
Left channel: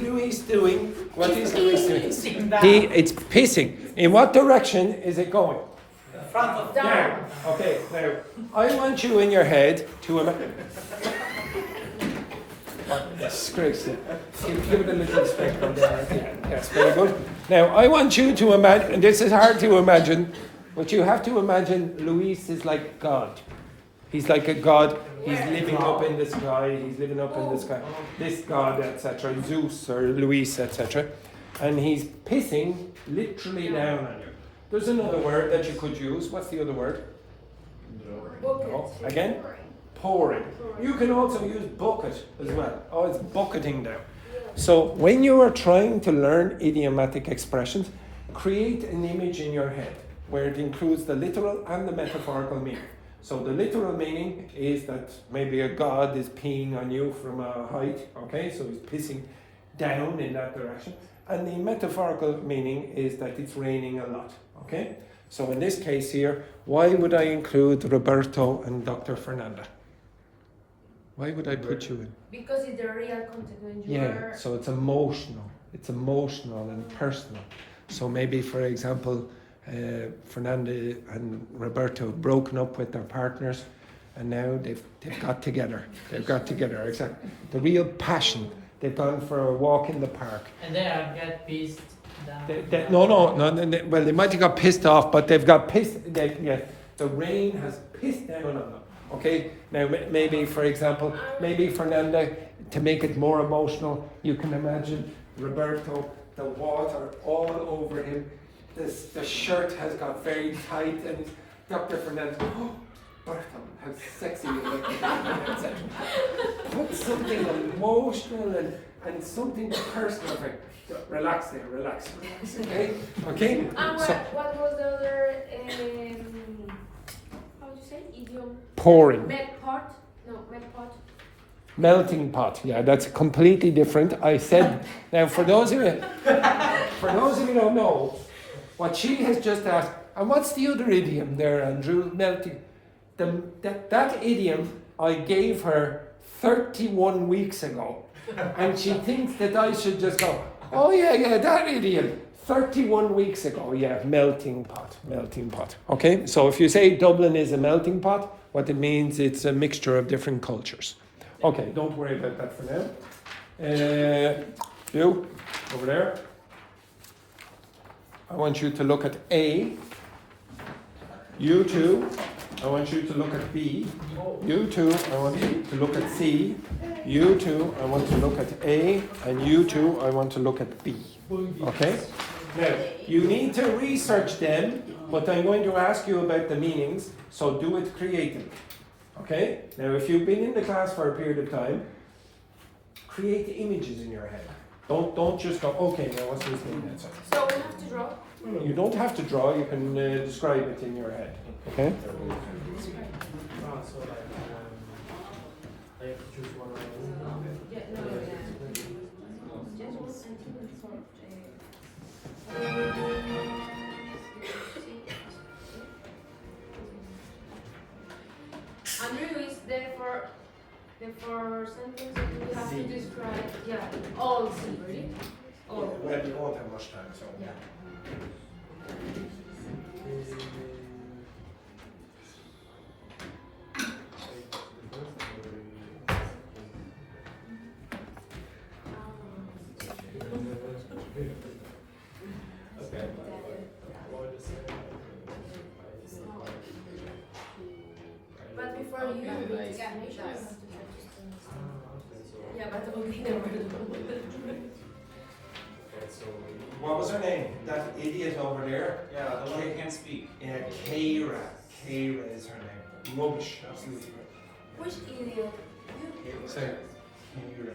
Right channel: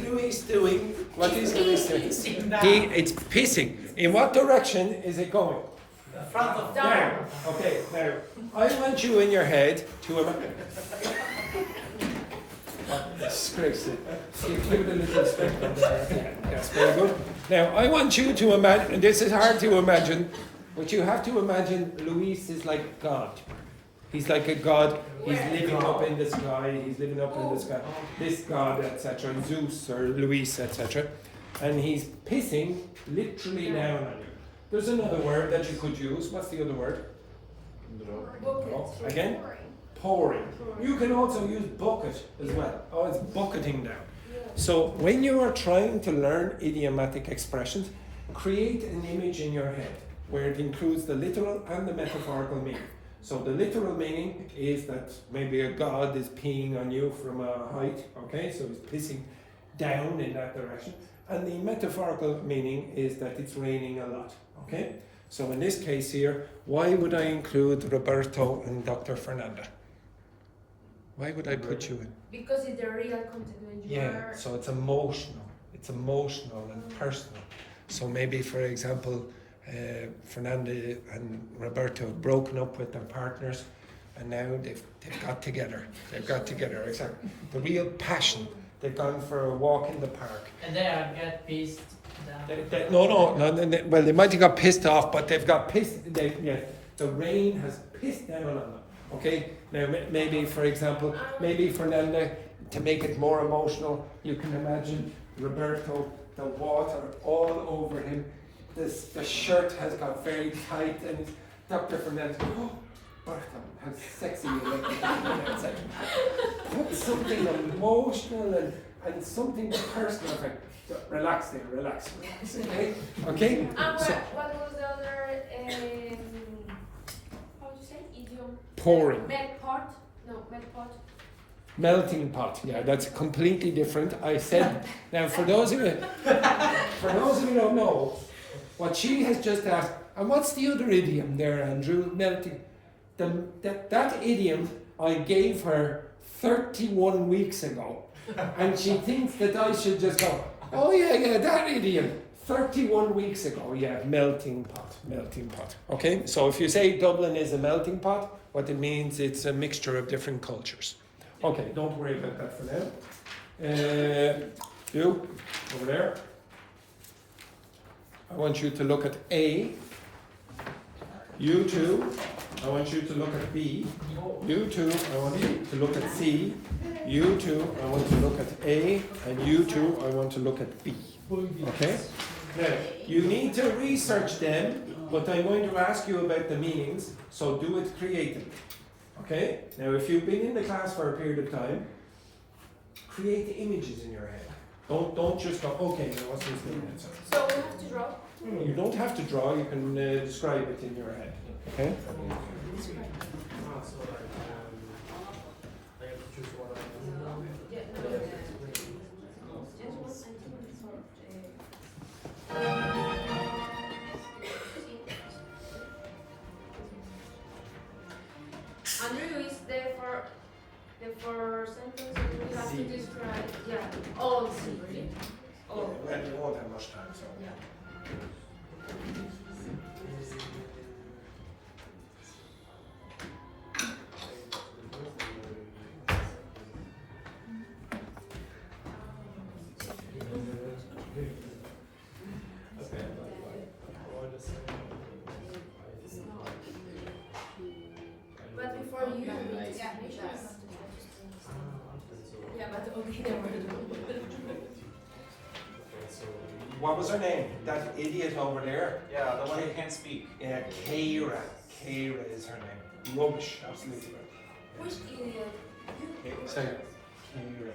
Louis doing? It's pissing. In what direction is it going? Front of Down. Okay, now, I want you in your head to disgrace it. Give it a little step on there. Yes, very good. Now, I want you to imagine, and this is hard to imagine, But you have to imagine Luis is like God. He's like a god. He's living up in the sky. He's living up in the sky. This god, etc. Zeus or Luis, etc. And he's pissing literally down on you. There's another word that you could use. What's the other word? Oh, again? Pouring. You can also use bucket as well. Oh, it's bucketing down. So when you are trying to learn idiomatic expressions, create an image in your head where it includes the literal and the metaphorical meaning. So the literal meaning is that maybe a god is peeing on you from a height, okay? So he's pissing down in that direction. And the metaphorical meaning is that it's raining a lot, okay? So in this case here, why would I include Roberto and Dr. Fernanda? Why would I put you in? Because it's the real content when you Yeah, are... so it's emotional. It's emotional and personal. So maybe, for example, Fernanda and Roberto broken up with their partners, and now they've got together. They've got together. Exactly. The real passion. They've gone for a walk in the park. And then I got pissed down. No. Well, they might have got pissed off, but they've got pissed. The rain has pissed down on them. Okay. Now maybe, for example, maybe Fernanda, to make it more emotional, you can imagine Roberto, the water all over him. The shirt has got very tight, and Dr. Fernandez, oh, Bertha, how sexy you look. Put something emotional and something personal. Like, relax there, relax, okay? Okay? And So, what was the other, how do you say, idiom? pouring. Melt pot? No, melt pot. Melting pot, yeah, that's completely different. I said, now for those of you who don't know, what she has just asked, and what's the other idiom there, Andrew? Melting. That idiom I gave her 31 weeks ago, and she thinks that I should just go, oh yeah, that idiom, 31 weeks ago, yeah, melting pot. Okay, so if you say Dublin is a melting pot, what it means, it's a mixture of different cultures. Okay, don't worry about that for now. You, over there. I want you to look at A. You two, I want you to look at B. You two, I want you to look at C. You two, I want to look at A. And you two, I want to look at B. Okay? Now, you need to research them, but I'm going to ask you about the meanings, so do it creatively. Okay? Now, if you've been in the class for a period of time, create images in your head. Don't just go, okay, now what's this mean? So we have to draw? You don't have to draw, you can describe it in your head. Okay? Andrew is there for sentences you have to describe, all C. All. Well, you won't have much time, so. Yeah. But before you read the explanations, yeah, but okay, never mind. What was her name? That idiot over there? Yeah, the one who can't speak. Yeah, Keira. Keira is her name. Rubbish, absolutely. Which idiot? Say it. Keira.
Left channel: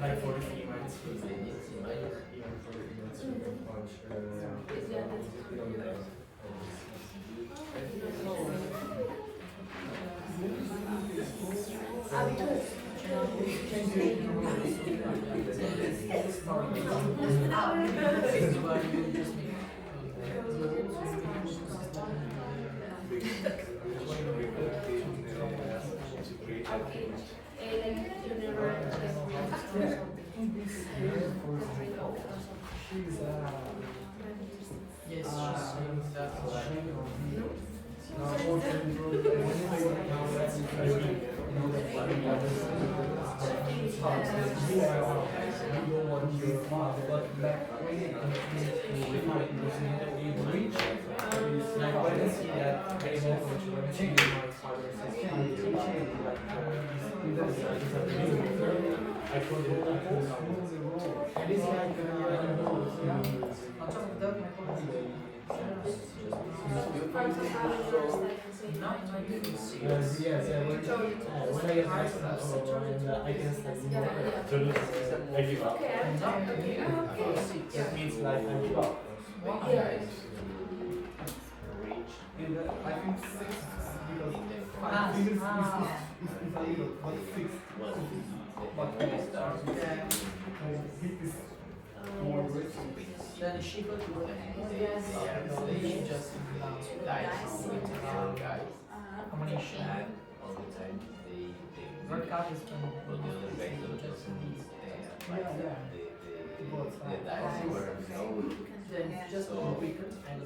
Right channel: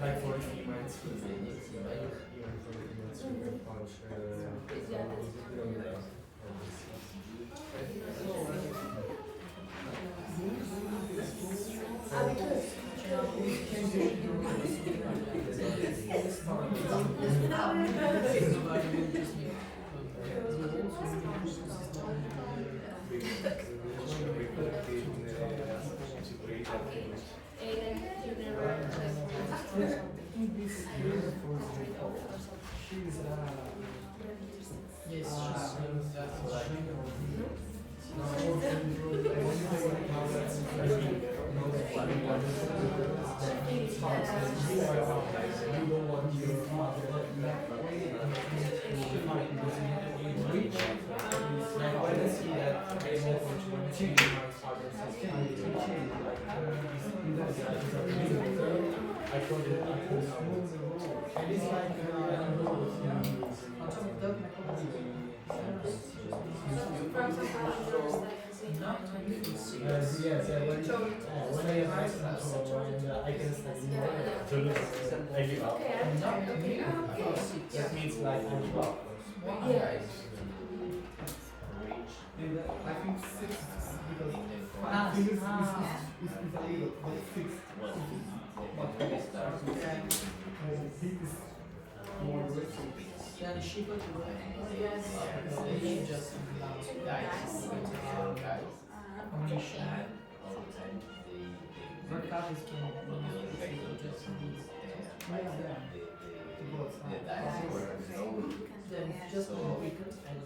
Like for the females, even for the females, you can punch. That means like I give up. I think 6 because 5 is a little, but 6. But he is more risky. Then she could do it. She just combination. Red card is then just weaken and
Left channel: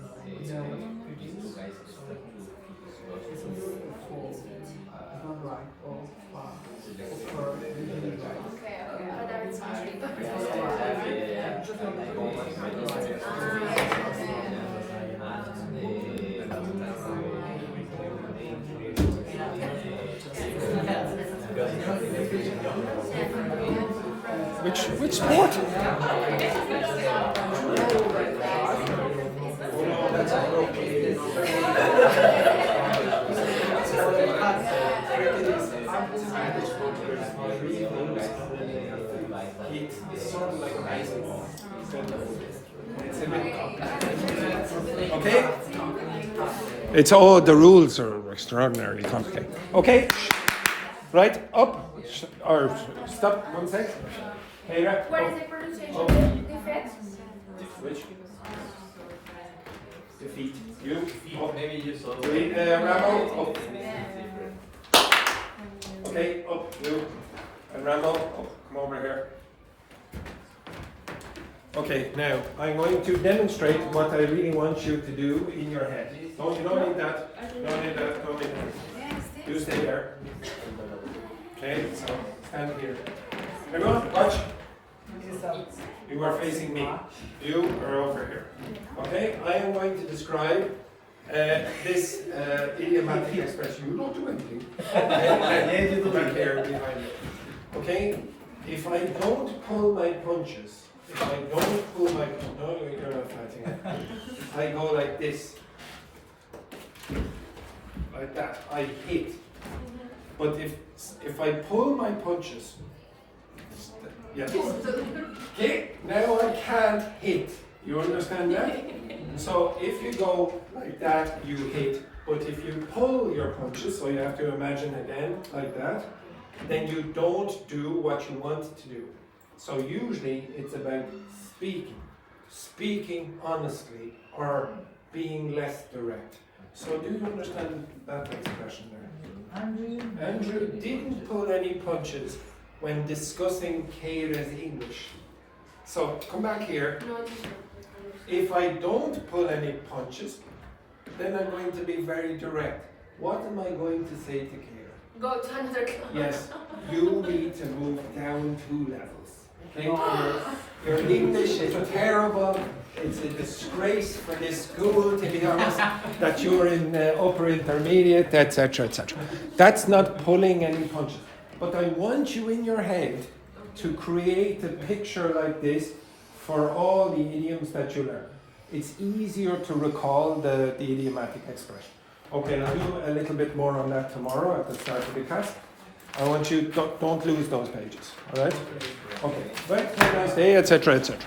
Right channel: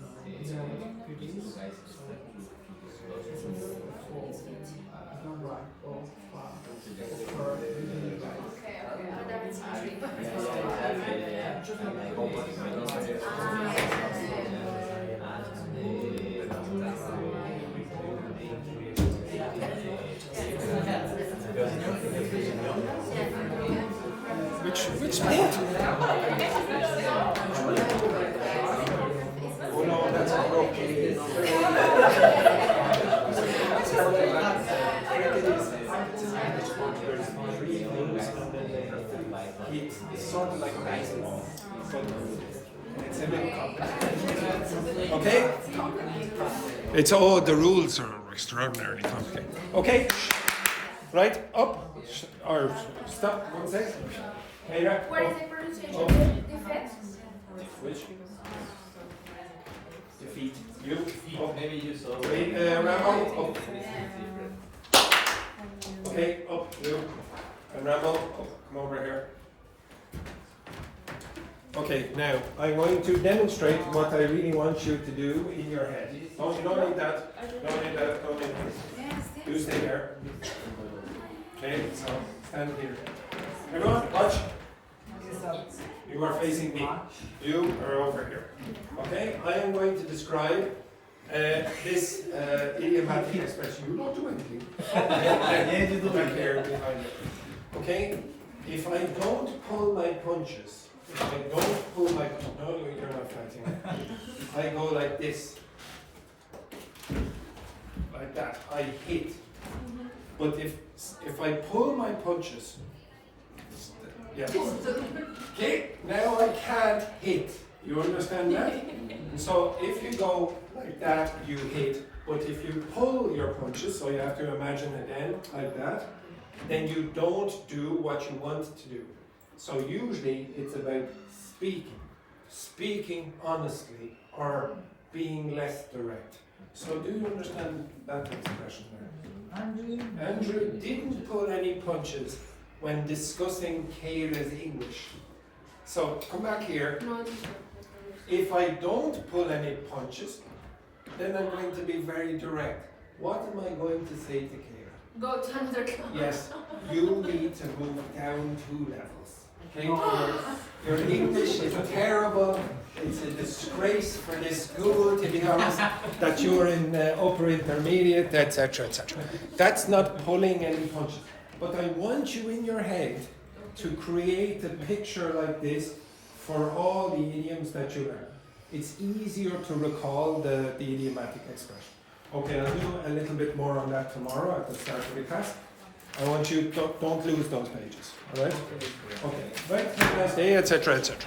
reduce. Which sport? It's sort of like baseball. It's a bit complicated. Okay? It's all the rules are extraordinarily complicated. Okay? Right, up or stop. One second. Pedro. What is the pronunciation defect? Which? Defeat. You. Up. Maybe you saw. Wait, Rambo. Up. Okay, up. You. And Rambo. Up. Come over here. Okay, now I'm going to demonstrate what I really want you to do in your head. You don't need that. Don't need that. Don't need that. You stay there. Okay, so stand here. Everyone, watch. You are facing me. You are over here. Okay, I am going to describe this idiomatic expression. You don't do anything. Okay, you do it here behind it. Okay, if I don't pull my punches, if I don't pull my no, you're not fighting. I go like this, like that. I hit. But if I pull my punches, yeah. Okay, now I can't hit. You understand that? So if you go like that, you hit. But if you pull your punches, so you have to imagine again like that, then you don't do what you want to do. So usually it's about speaking honestly or being less direct. So do you understand that expression there? Andrew didn't pull any punches when discussing Kayra's English. So come back here. If I don't pull any punches, then I'm going to be very direct. What am I going to say to Kira? Go to another class. Yes, you need to move down 2 levels. Okay? Your English is terrible. It's a disgrace for this school, to be honest, that you're in upper intermediate, etc., etc. That's not pulling any punches. But I want you in your head to create a picture like this for all the idioms that you learn. It's easier to recall the idiomatic expression. Okay, I'll do a little bit more on that tomorrow at the start of the class. I want you, don't lose those pages, all right? Okay, well, have a nice day, etc., etc.